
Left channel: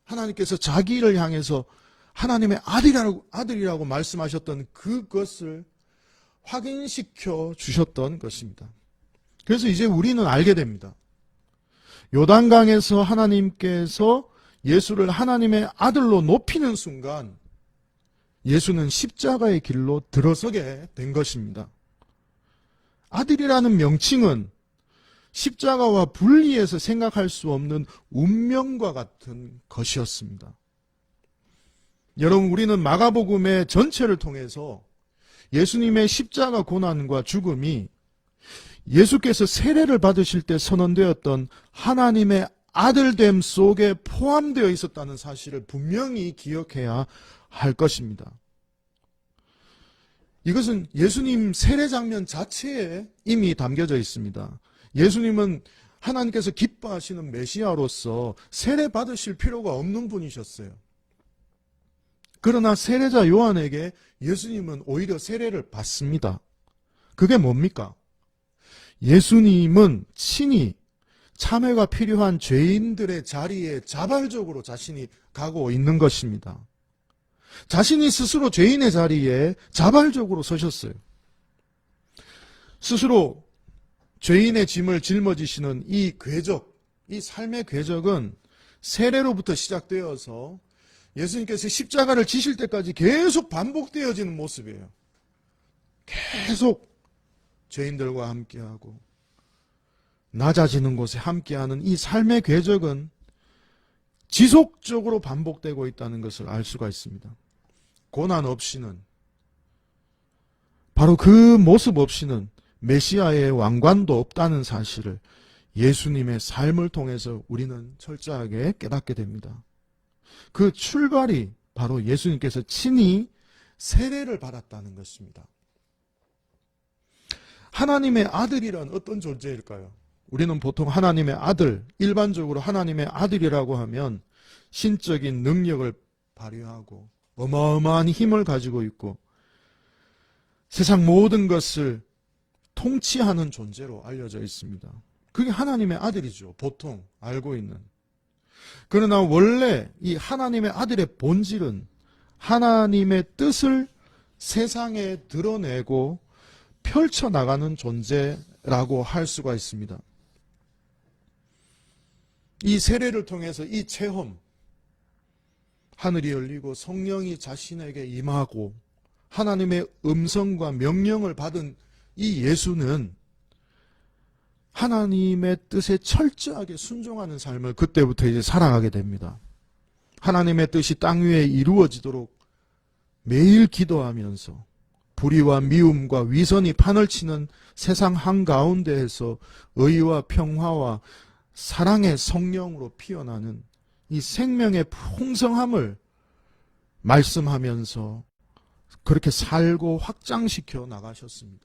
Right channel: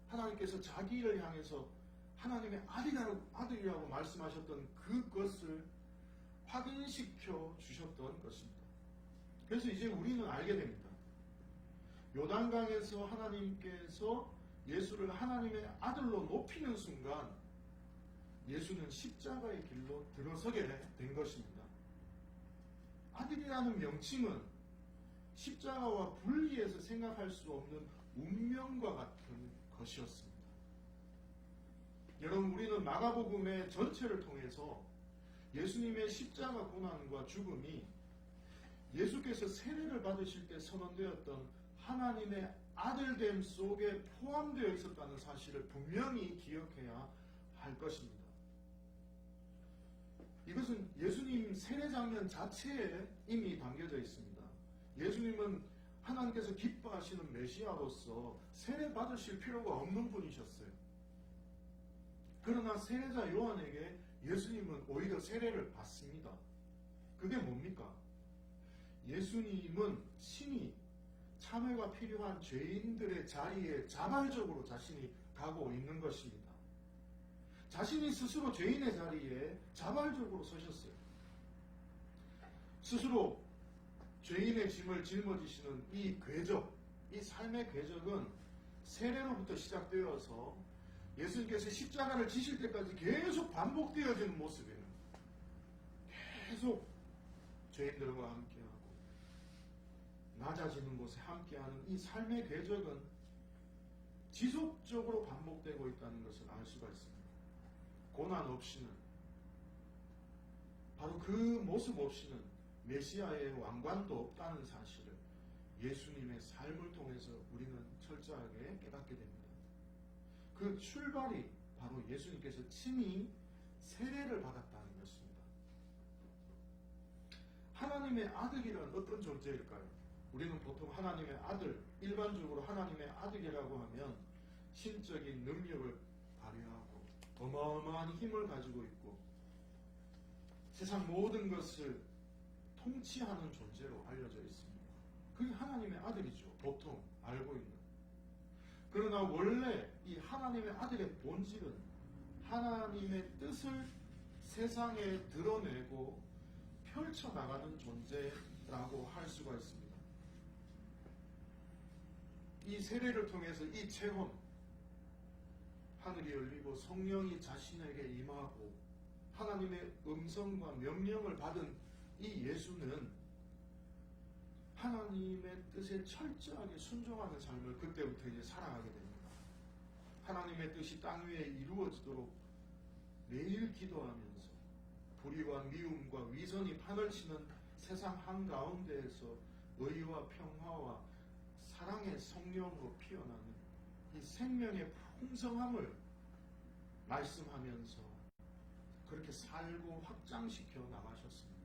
하나님께서 자기를 향해서 하나님의 아들이라고 말씀하셨던 그것을 확인시켜 주셨던 것입니다. 그래서 이제 우리는 알게 됩니다. 요단강에서 하나님께서 예수를 하나님의 아들로 높이는 순간 예수는 십자가의 길로 들어서게 된 것입니다. 아들이라는 명칭은 십자가와 분리해서 생각할 수 없는 운명과 같은 것이었습니다. 여러분, 우리는 마가복음의 전체를 통해서 예수님의 십자가 고난과 죽음이 예수께서 세례를 받으실 때 선언되었던 하나님의 아들됨 속에 포함되어 있었다는 사실을 분명히 기억해야 할 것입니다. 이것은 예수님 세례 장면 자체에 이미 담겨져 있습니다. 예수님은 하나님께서 기뻐하시는 메시아로서 세례 받으실 필요가 없는 분이셨어요. 그러나 세례자 요한에게 예수님은 오히려 세례를 받습니다. 그게 뭡니까? 예수님은 친히 참회가 필요한 죄인들의 자리에 자발적으로 자신이 가고 있는 것입니다. 자신이 스스로 죄인의 자리에 자발적으로 서셨어요. 스스로 죄인의 짐을 짊어지시는 이 궤적, 이 삶의 궤적은 세례로부터 시작되어서 예수님께서 십자가를 지실 때까지 계속 반복되어지는 모습이에요. 계속 죄인들과 함께하고 낮아지는 곳에 함께하는 이 삶의 궤적은 지속적으로 반복되고 있다는 것을 알 수가 있습니다. 고난 없이는, 바로 그 모습 없이는 메시아의 왕관도 없다는 사실을 예수님의 삶을 통해서 우리는 철저하게 깨닫게 됩니다. 그 출발이 바로 예수님께서 친히 세례를 받았다는 것입니다. 하나님의 아들이란 어떤 존재일까요? 우리는 보통 하나님의 아들, 일반적으로 하나님의 아들이라고 하면 신적인 능력을 발휘하고 어마어마한 힘을 가지고 있고 세상 모든 것을 통치하는 존재로 알려져 있습니다. 그게 하나님의 아들이죠. 보통 알고 있는. 그러나 원래 이 하나님의 아들의 본질은 하나님의 뜻을 세상에 드러내고 펼쳐나가는 존재라고 할 수가 있습니다. 이 세례를 통해서 이 체험, 하늘이 열리고 성령이 자신에게 임하고 하나님의 음성과 명령을 받은 이 예수는 하나님의 뜻에 철저하게 순종하는 삶을 그때부터 이제 살아가게 됩니다. 하나님의 뜻이 땅 위에 이루어지도록 매일 기도하면서 불의와 미움과 위선이 판을 치는 세상 한가운데에서 의와 평화와 사랑의 성령으로 피어나는 이 생명의 풍성함을 말씀하면서 그렇게 살고 확장시켜 나가셨습니다.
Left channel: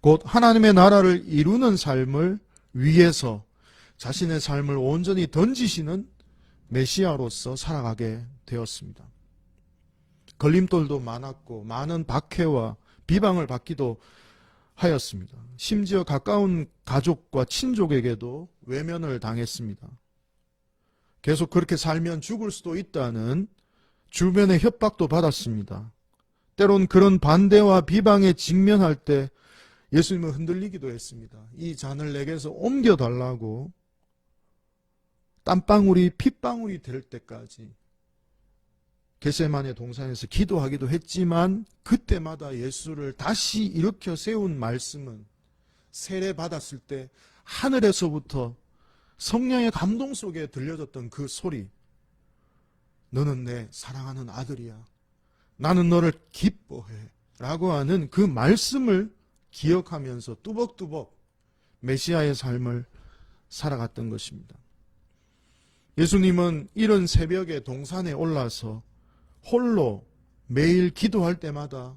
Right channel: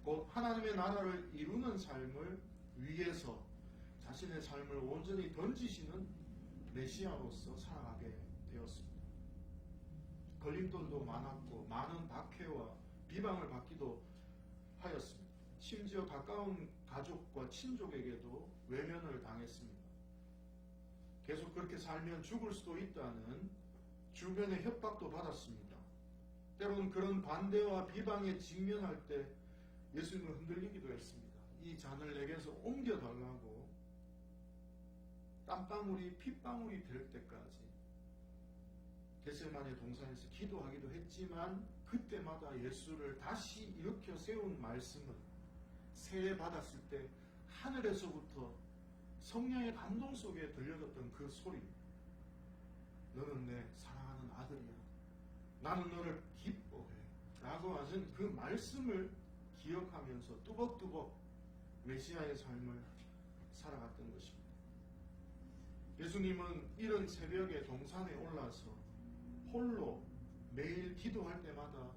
곧 하나님의 나라를 이루는 삶을 위해서 자신의 삶을 온전히 던지시는 메시아로서 살아가게 되었습니다. 걸림돌도 많았고 많은 박해와 비방을 받기도 하였습니다. 심지어 가까운 가족과 친족에게도 외면을 당했습니다. 계속 그렇게 살면 죽을 수도 있다는 주변의 협박도 받았습니다. 때론 그런 반대와 비방에 직면할 때 예수님은 흔들리기도 했습니다. 이 잔을 내게서 옮겨달라고 땀방울이 핏방울이 될 때까지 겟세마네 동산에서 기도하기도 했지만 그때마다 예수를 다시 일으켜 세운 말씀은 세례 받았을 때 하늘에서부터 성령의 감동 속에 들려졌던 그 소리, 너는 내 사랑하는 아들이야, 나는 너를 기뻐해 라고 하는 그 말씀을 기억하면서 뚜벅뚜벅 메시아의 삶을 살아갔던 것입니다. 예수님은 이른 새벽에 동산에 올라서 홀로 매일 기도할 때마다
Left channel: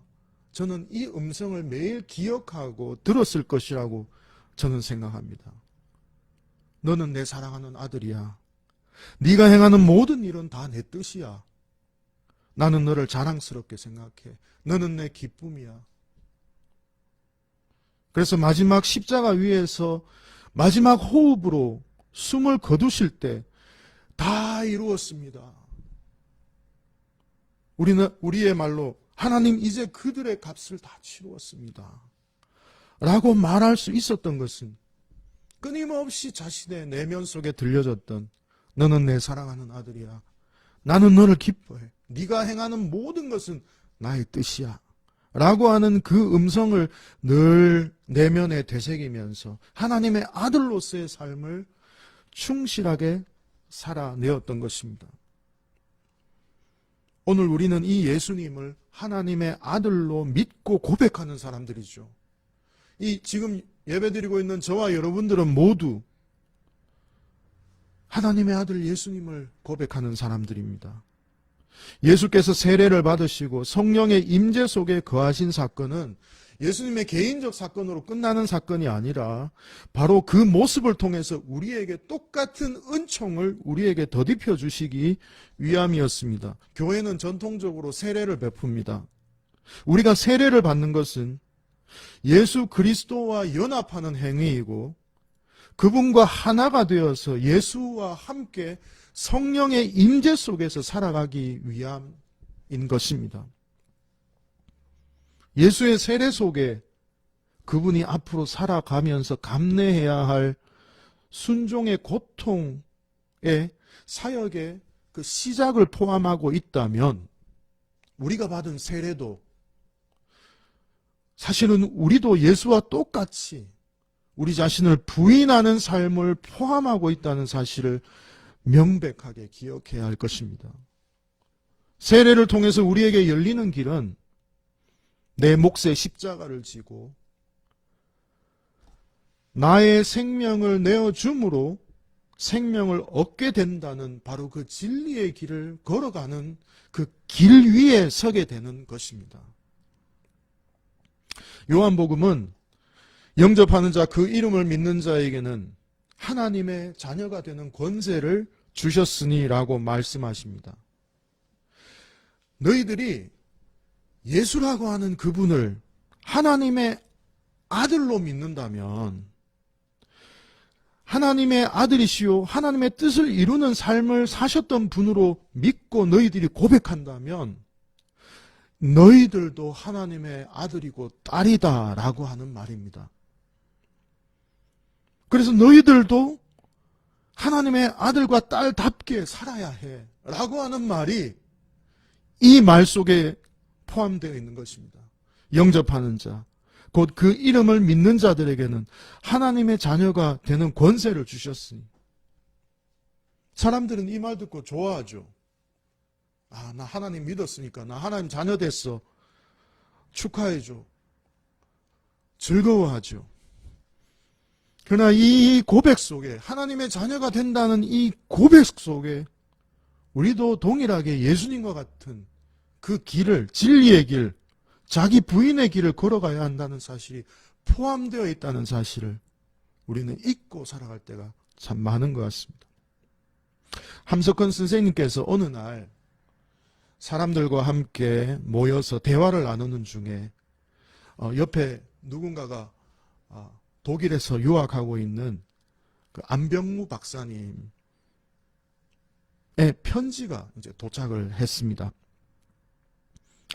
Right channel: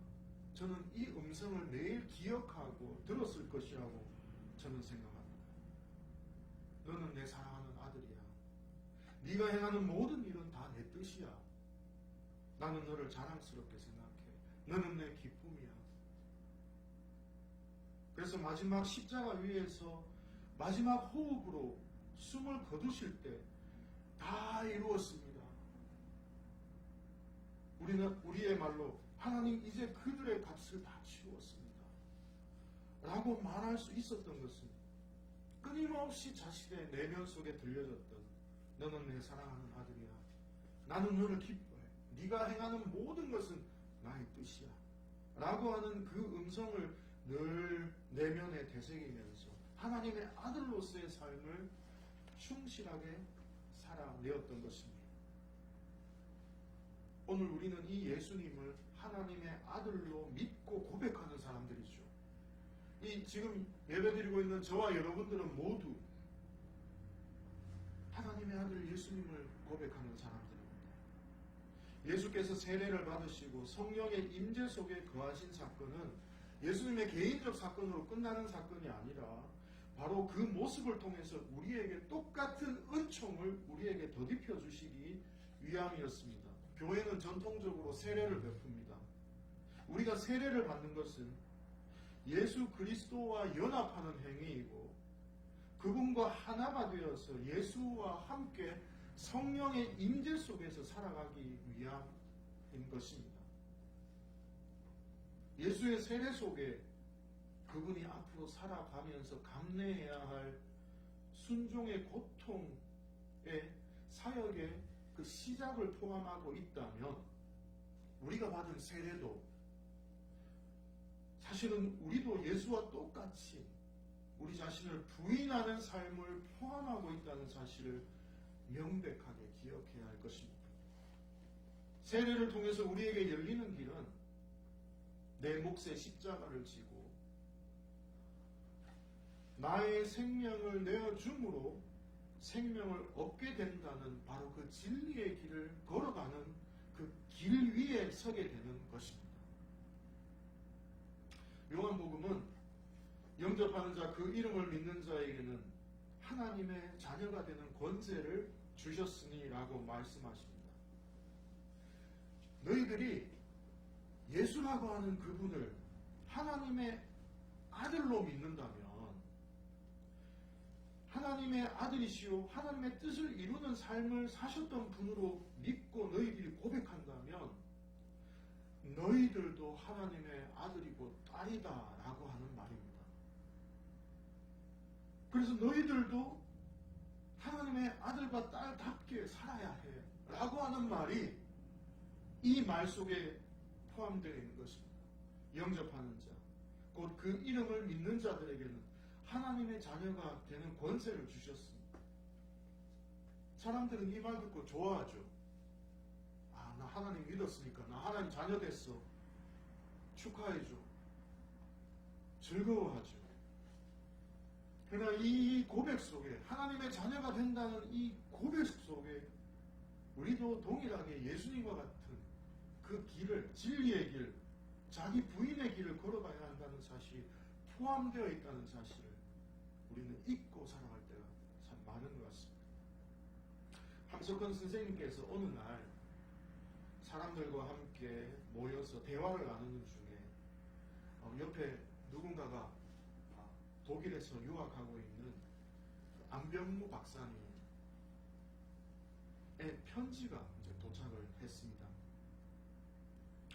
저는 이 음성을 매일 기억하고 들었을 것이라고 저는 생각합니다. 너는 내 사랑하는 아들이야. 네가 행하는 모든 일은 다 내 뜻이야. 나는 너를 자랑스럽게 생각해. 너는 내 기쁨이야. 그래서 마지막 십자가 위에서 마지막 호흡으로 숨을 거두실 때 다 이루었습니다. 우리의 말로 하나님 이제 그들의 값을 다 치루었습니다 라고 말할 수 있었던 것은 끊임없이 자신의 내면 속에 들려졌던 너는 내 사랑하는 아들이야. 나는 너를 기뻐해. 네가 행하는 모든 것은 나의 뜻이야 라고 하는 그 음성을 늘 내면에 되새기면서 하나님의 아들로서의 삶을 충실하게 살아내었던 것입니다. 오늘 우리는 이 예수님을 하나님의 아들로 믿고 고백하는 사람들이죠. 이 지금 예배드리고 있는 저와 여러분들은 모두 하나님의 아들 예수님을 고백하는 사람들입니다. 예수께서 세례를 받으시고 성령의 임재 속에 거하신 사건은 예수님의 개인적 사건으로 끝나는 사건이 아니라 바로 그 모습을 통해서 우리에게 똑같은 은총을 우리에게 덧입혀 주시기 위함이었습니다. 교회는 전통적으로 세례를 베풉니다. 우리가 세례를 받는 것은 예수 그리스도와 연합하는 행위이고 그분과 하나가 되어서 예수와 함께 성령의 임재 속에서 살아가기 위함인 것입니다. 예수의 세례 속에 그분이 앞으로 살아가면서 감내해야 할 순종의 고통의 사역의 그 시작을 포함하고 있다면 우리가 받은 세례도 사실은 우리도 예수와 똑같이 우리 자신을 부인하는 삶을 포함하고 있다는 사실을 명백하게 기억해야 할 것입니다. 세례를 통해서 우리에게 열리는 길은 내 몫의 십자가를 지고 나의 생명을 내어줌으로 생명을 얻게 된다는 바로 그 진리의 길을 걸어가는 그 길 위에 서게 되는 것입니다. 요한복음은 영접하는 자, 그 이름을 믿는 자에게는 하나님의 자녀가 되는 권세를 주셨으니 라고 말씀하십니다. 너희들이 예수라고 하는 그분을 하나님의 아들로 믿는다면 하나님의 아들이시요 하나님의 뜻을 이루는 삶을 사셨던 분으로 믿고 너희들이 고백한다면 너희들도 하나님의 아들이고 딸이다 라고 하는 말입니다. 그래서 너희들도 하나님의 아들과 딸답게 살아야 해 라고 하는 말이 이 말 속에 포함되어 있는 것입니다. 영접하는 자, 곧 그 이름을 믿는 자들에게는 하나님의 자녀가 되는 권세를 주셨으니 사람들은 이 말 듣고 좋아하죠. 아, 나 하나님 믿었으니까 나 하나님 자녀 됐어. 축하해줘. 즐거워하죠. 그러나 이 고백 속에 하나님의 자녀가 된다는 이 고백 속에 우리도 동일하게 예수님과 같은 그 길을, 진리의 길, 자기 부인의 길을 걸어가야 한다는 사실이 포함되어 있다는 사실을 우리는 잊고 살아갈 때가 참 많은 것 같습니다. 함석헌 선생님께서 어느 날 사람들과 함께 모여서 대화를 나누는 중에 옆에 누군가가 독일에서 유학하고 있는 그 안병무 박사님의 편지가 이제 도착을 했습니다.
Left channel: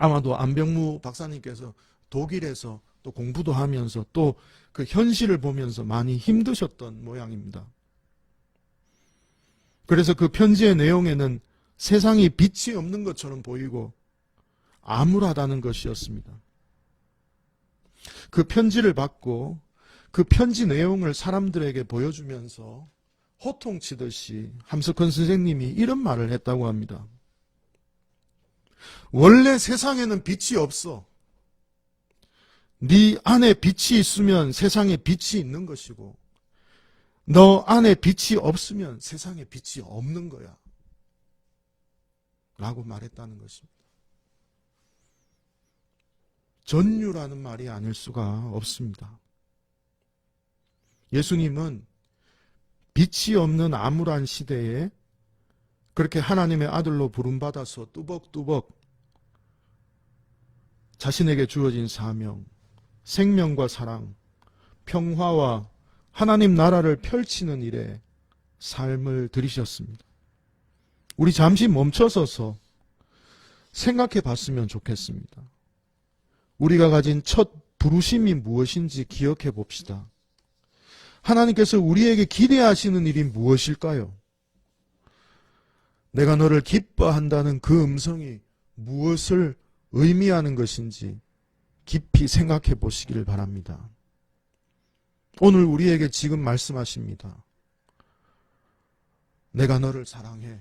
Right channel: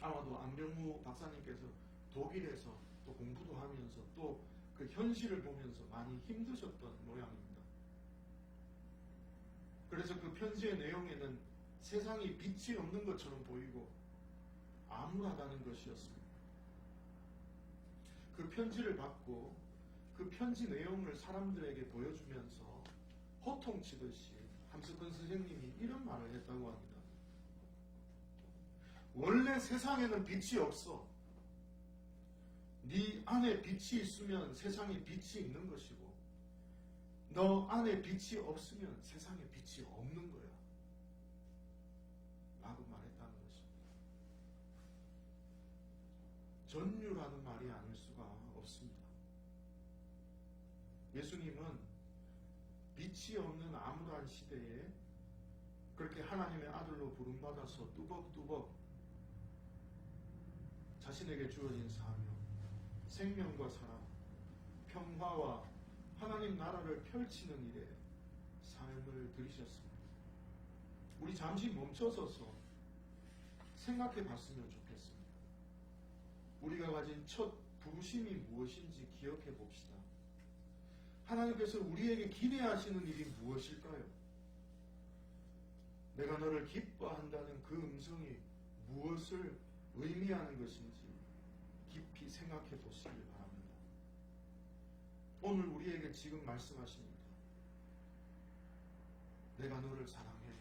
아마도 안병무 박사님께서 독일에서 또 공부도 하면서 또 그 현실을 보면서 많이 힘드셨던 모양입니다. 그래서 그 편지의 내용에는 세상이 빛이 없는 것처럼 보이고 암울하다는 것이었습니다. 그 편지를 받고 그 편지 내용을 사람들에게 보여주면서 호통치듯이 함석헌 선생님이 이런 말을 했다고 합니다. 원래 세상에는 빛이 없어. 네 안에 빛이 있으면 세상에 빛이 있는 것이고 너 안에 빛이 없으면 세상에 빛이 없는 거야. 라고 말했다는 것입니다. 전유라는 말이 아닐 수가 없습니다. 예수님은 빛이 없는 암울한 시대에 그렇게 하나님의 아들로 부름받아서 뚜벅뚜벅 자신에게 주어진 사명, 생명과 사랑, 평화와 하나님 나라를 펼치는 일에 삶을 들이셨습니다. 우리 잠시 멈춰서서 생각해 봤으면 좋겠습니다. 우리가 가진 첫 부르심이 무엇인지 기억해 봅시다. 하나님께서 우리에게 기대하시는 일이 무엇일까요? 내가 너를 기뻐한다는 그 음성이 무엇을 의미하는 것인지 깊이 생각해 보시기를 바랍니다. 오늘 우리에게 지금 말씀하십니다. 내가 너를 사랑해.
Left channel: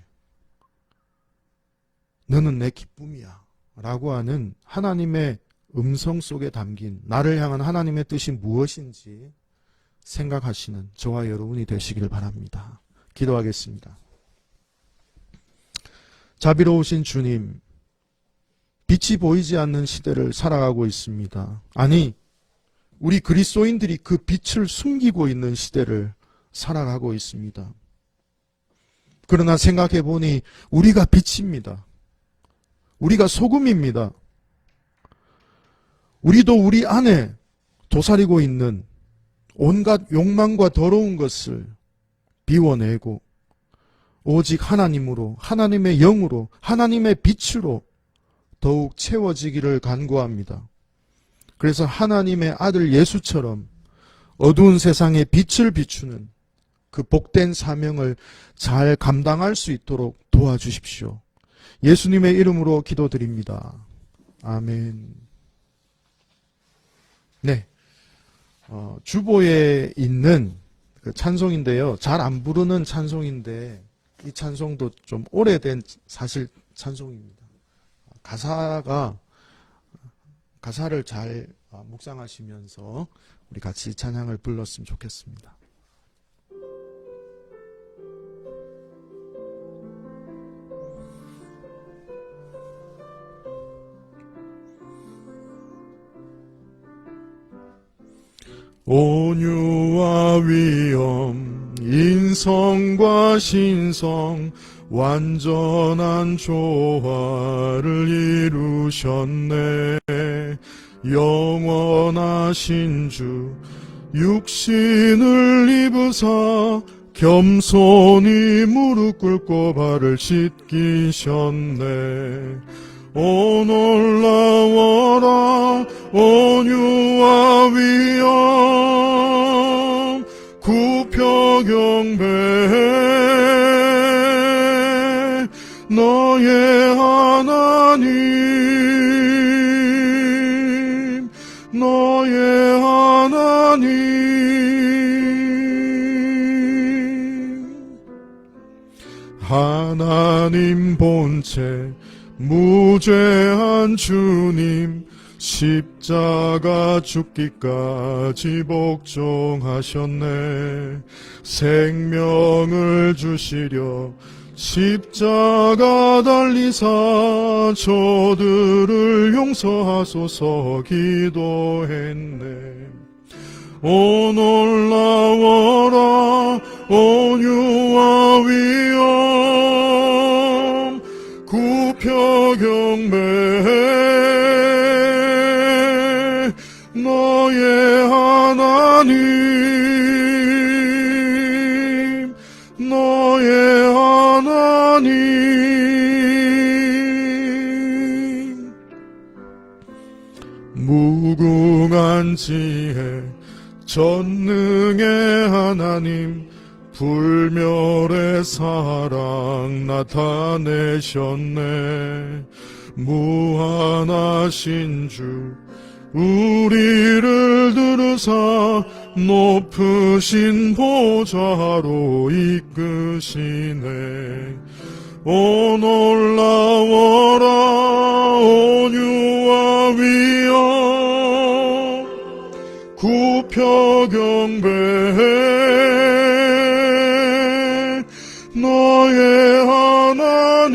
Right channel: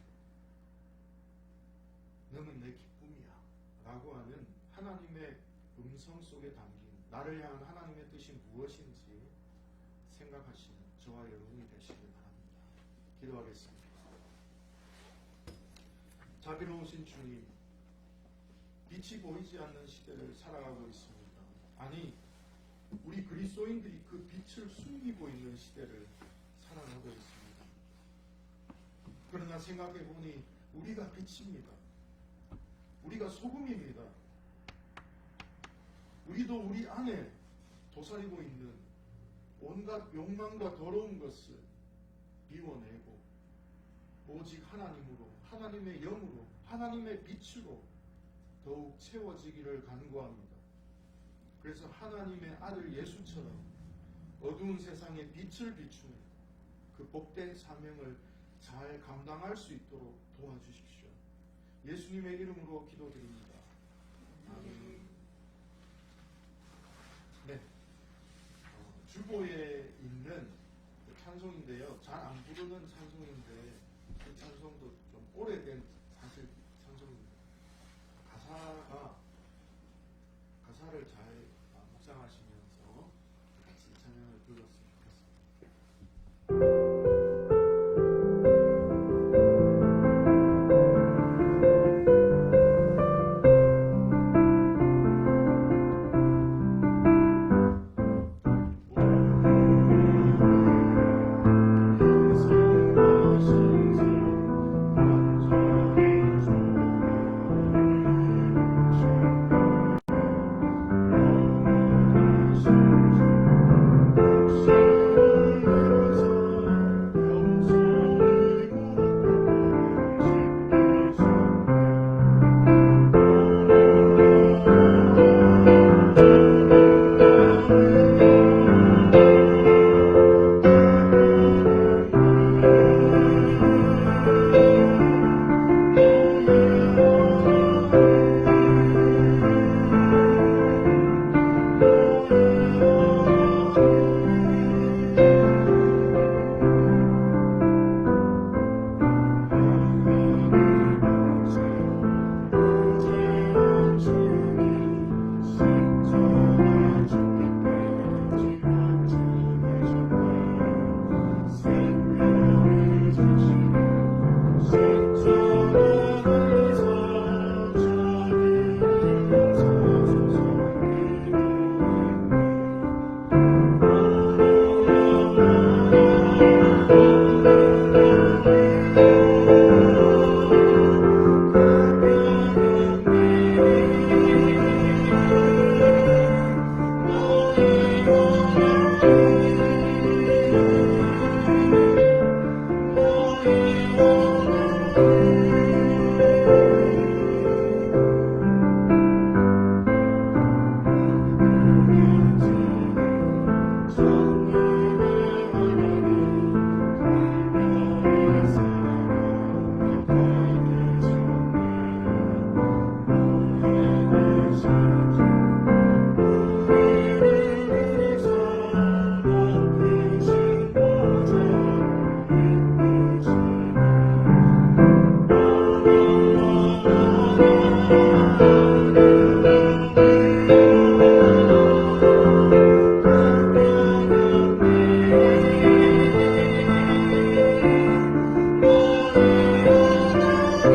너는 내 기쁨이야. 라고 하는 하나님의 음성 속에 담긴 나를 향한 하나님의 뜻이 무엇인지 생각하시는 저와 여러분이 되시기를 바랍니다. 기도하겠습니다. 자비로우신 주님, 빛이 보이지 않는 시대를 살아가고 있습니다. 아니, 우리 그리스도인들이 그 빛을 숨기고 있는 시대를 살아가고 있습니다. 그러나 생각해 보니 우리가 빛입니다. 우리가 소금입니다. 우리도 우리 안에 도사리고 있는 온갖 욕망과 더러운 것을 비워내고 오직 하나님으로, 하나님의 영으로, 하나님의 빛으로 더욱 채워지기를 간구합니다. 그래서 하나님의 아들 예수처럼 어두운 세상에 빛을 비추는 그 복된 사명을 잘 감당할 수 있도록 도와주십시오. 예수님의 이름으로 기도드립니다. 아멘. 네, 주보에 있는 그 찬송인데요. 잘 안 부르는 찬송인데 이 찬송도 좀 오래된 사실 찬송입니다. 가사를 잘 묵상하시면서 우리 같이 찬양을 불렀으면 좋겠습니다. 온유와 위엄, 인성과 신성, 완전한 조화를 이루셨네. 영원하신 주 육신을 입으사 겸손히 무릎 꿇고 발을 씻기셨네. 오 놀라워라 온유와 위엄, 너의 하나님, 너의 하나님. 하나님 본체 무죄한 주님, 십자가 죽기까지 복종하셨네. 생명을 주시려 십자가 달리사 저들을 용서하소서 기도했네. 오 놀라워라 온유와 위엄 굽혀 경배해 너의 하나님 너의 하나님 무궁한 지혜 전능의 하나님 불멸의 사랑 나타내셨네. 무한하신 주 우리를 들으사 높으신 보좌로 이끄시네. 오 놀라워라 온유와 위엄 굽혀 경배해 너의 하나님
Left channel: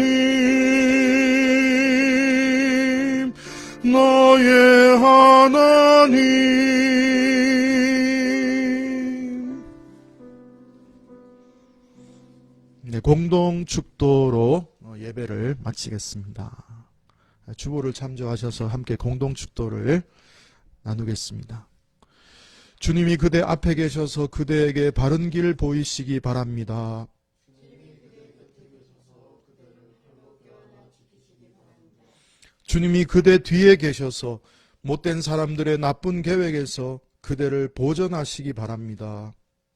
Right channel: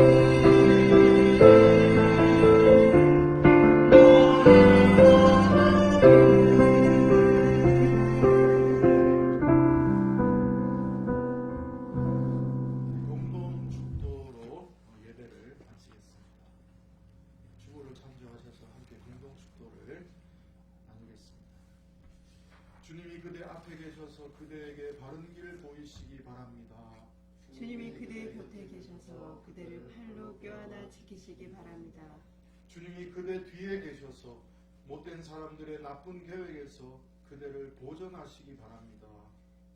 너의 하나님. 네, 공동 축도로 예배를 마치겠습니다. 주보를 참조하셔서 함께 공동 축도를 나누겠습니다. 주님이 그대 앞에 계셔서 그대에게 바른 길 보이시기 바랍니다. 주님이 그대 곁에 계셔서 그대를 팔로 껴안아 지키시기 바랍니다. 주님이 그대 뒤에 계셔서 못된 사람들의 나쁜 계획에서 그대를 보전하시기 바랍니다.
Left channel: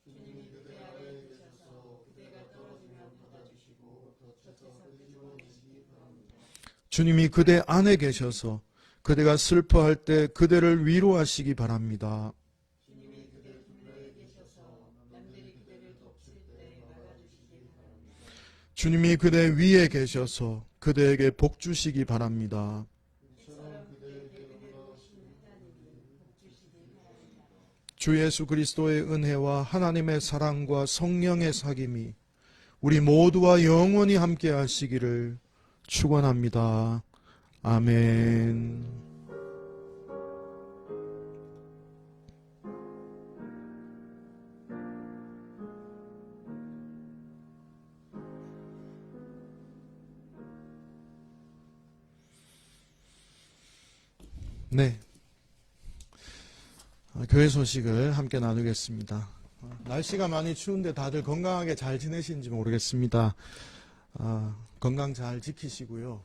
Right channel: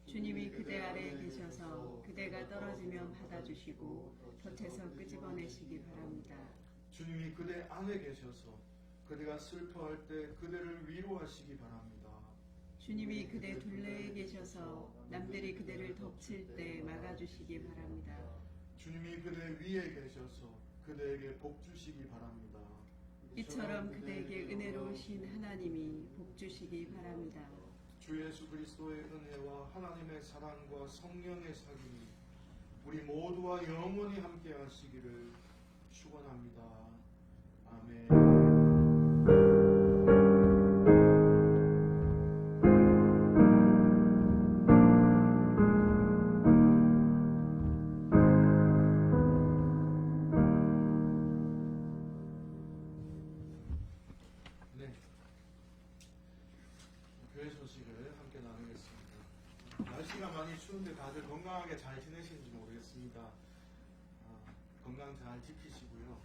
주님이 그대 아래에 계셔서 그대가 떨어지면 받아주시고 덫에서 끄집어내시기 바랍니다. 주님이 그대 안에 계셔서 그대가 슬퍼할 때 그대를 위로하시기 바랍니다. 주님이 그대 둘레에 계셔서 남들이 그대를 덮칠 때 막아주시기 바랍니다. 주님이 그대 위에 계셔서 그대에게 복 주시기 바랍니다. 이처럼 그대에게 은혜로우신 하나님이 복 주시기 바랍니다. 주 예수 그리스도의 은혜와 하나님의 사랑과 성령의 사귐이 우리 모두와 영원히 함께 하시기를 축원합니다. 아멘. 네, 교회 소식을 함께 나누겠습니다. 날씨가 많이 추운데 다들 건강하게 잘 지내시는지 모르겠습니다. 건강 잘 지키시고요.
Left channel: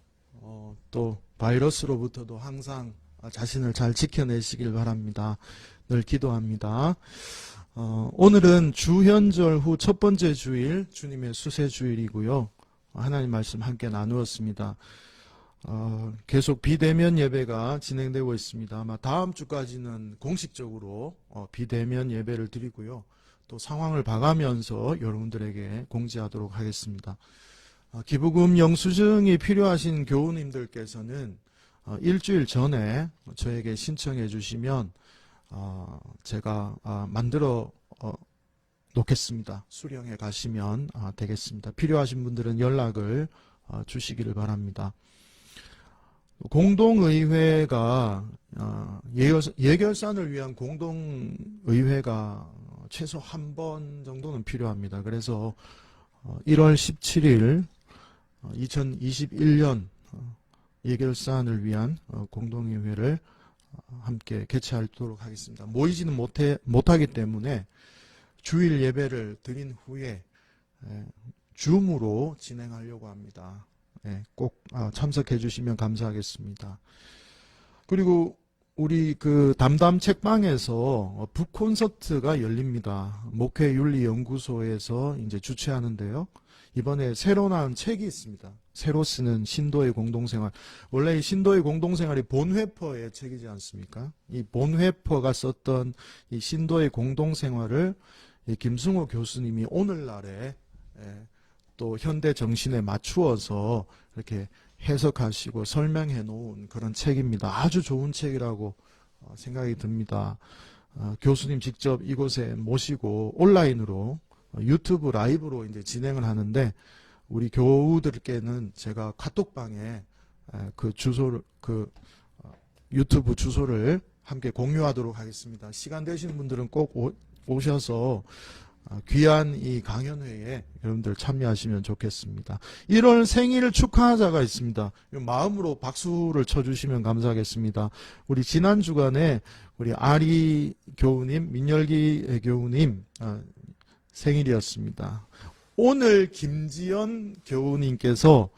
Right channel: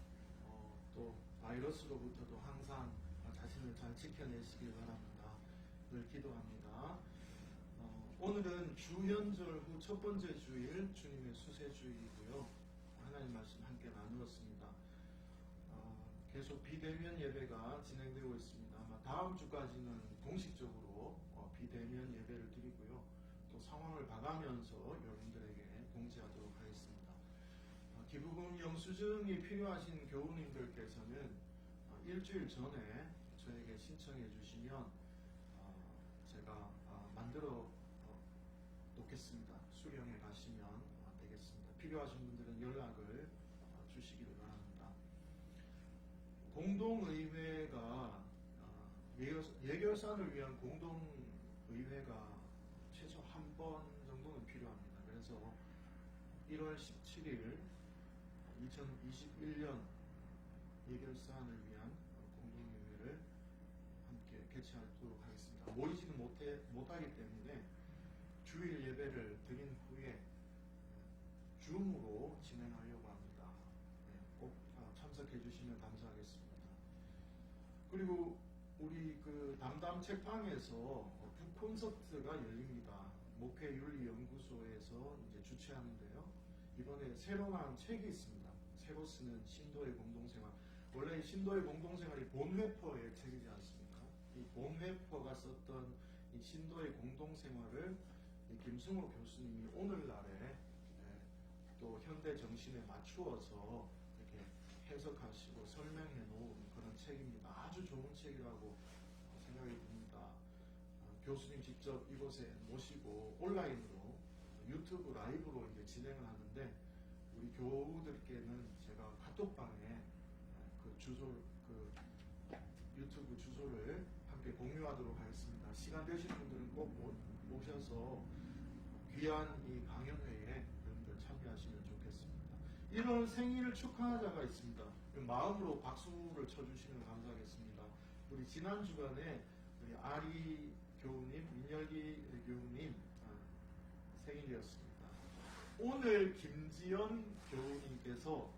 또 바이러스로부터도 항상 자신을 잘 지켜내시길 바랍니다. 늘 기도합니다. 오늘은 주현절 후 첫 번째 주일, 주님의 수세 주일이고요. 하나님 말씀 함께 나누었습니다. 계속 비대면 예배가 진행되고 있습니다. 아마 다음 주까지는 공식적으로 비대면 예배를 드리고요. 또 상황을 봐가면서 여러분들에게 공지하도록 하겠습니다. 기부금 영수증이 필요하신 교우님들께서는 일주일 전에 저에게 신청해 주시면 제가 만들어 놓겠습니다. 수령해 가시면 되겠습니다. 필요하신 분들은 연락을 주시기를 바랍니다. 공동의회가 예결산을 위한 공동의회가 최소 한 번 정도는 필요합니다. 그래서 1월 17일 2021년 예결산을 위한 공동의회를 함께 개최하도록 하겠습니다. 모이지는 못하기 때문에 주일 예배를 드린 후에 줌으로 진행하려고 합니다. 꼭 참석해 주시면 감사하겠습니다. 그리고 우리 그 담담 책방에서 북콘서트가 열립니다. 목회윤리연구소에서 이제 주최하는데요. 이번에 새로 나온 책이 있습니다. 새로 쓰는 신도의 공동생활. 원래 이 신도의 공동생활이 본회퍼의 책이지 않습니까? 이 본회퍼가 썼던 이 신도의 공동생활을 이 김승호 교수님이 오늘날에 또 현대 정신에 맞추어서 이렇게 해석하시고 설명해 놓은 그런 책입니다. 아주 좋은 책이라고 생각이 듭니다. 교수님 직접 이곳에 모시고 온라인으로 유튜브 라이브로 이제 진행을 하는데 우리 교우들께는 제가 카톡방에 그 주소를 유튜브 주소를 함께 공유하도록 하겠습니다. 시간 되시는 분들은 꼭 오셔서 귀한 이 강연회에 여러분들 참여하시면 좋겠습니다. 1월 생일 축하자가 있습니다. 마음으로 박수를 쳐주시면 감사하겠습니다. 우리 지난 주간에 우리 아리 교우님, 민열기 교우님 생일이었습니다. 오늘 김지연 교우님께서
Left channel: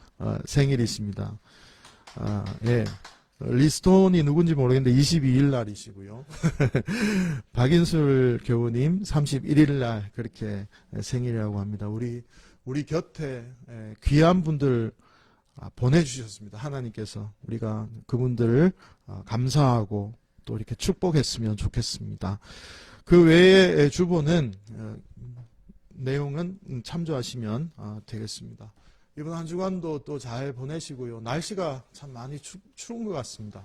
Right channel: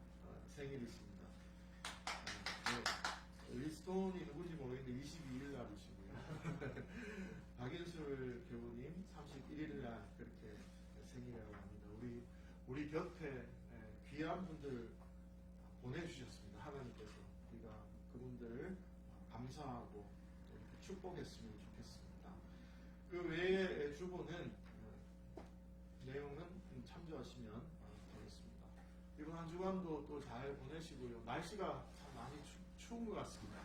생일이십니다. 예. 리스톤이 누군지 모르겠는데 22일 날이시고요. 박인술 교우님 31일 날 그렇게 생일이라고 합니다. 우리 곁에 귀한 분들 보내주셨습니다. 하나님께서 우리가 그분들을 감사하고 또 이렇게 축복했으면 좋겠습니다. 그 외의 주보는 내용은 참조하시면 되겠습니다. 이번 한 주간도 또 잘 보내시고요. 날씨가 참 많이 추운 것 같습니다.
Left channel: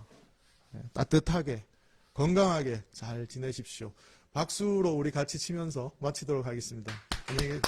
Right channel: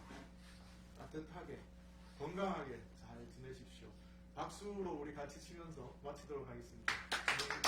따뜻하게 건강하게 잘 지내십시오. 박수로 우리 같이 치면서 마치도록 하겠습니다. 네.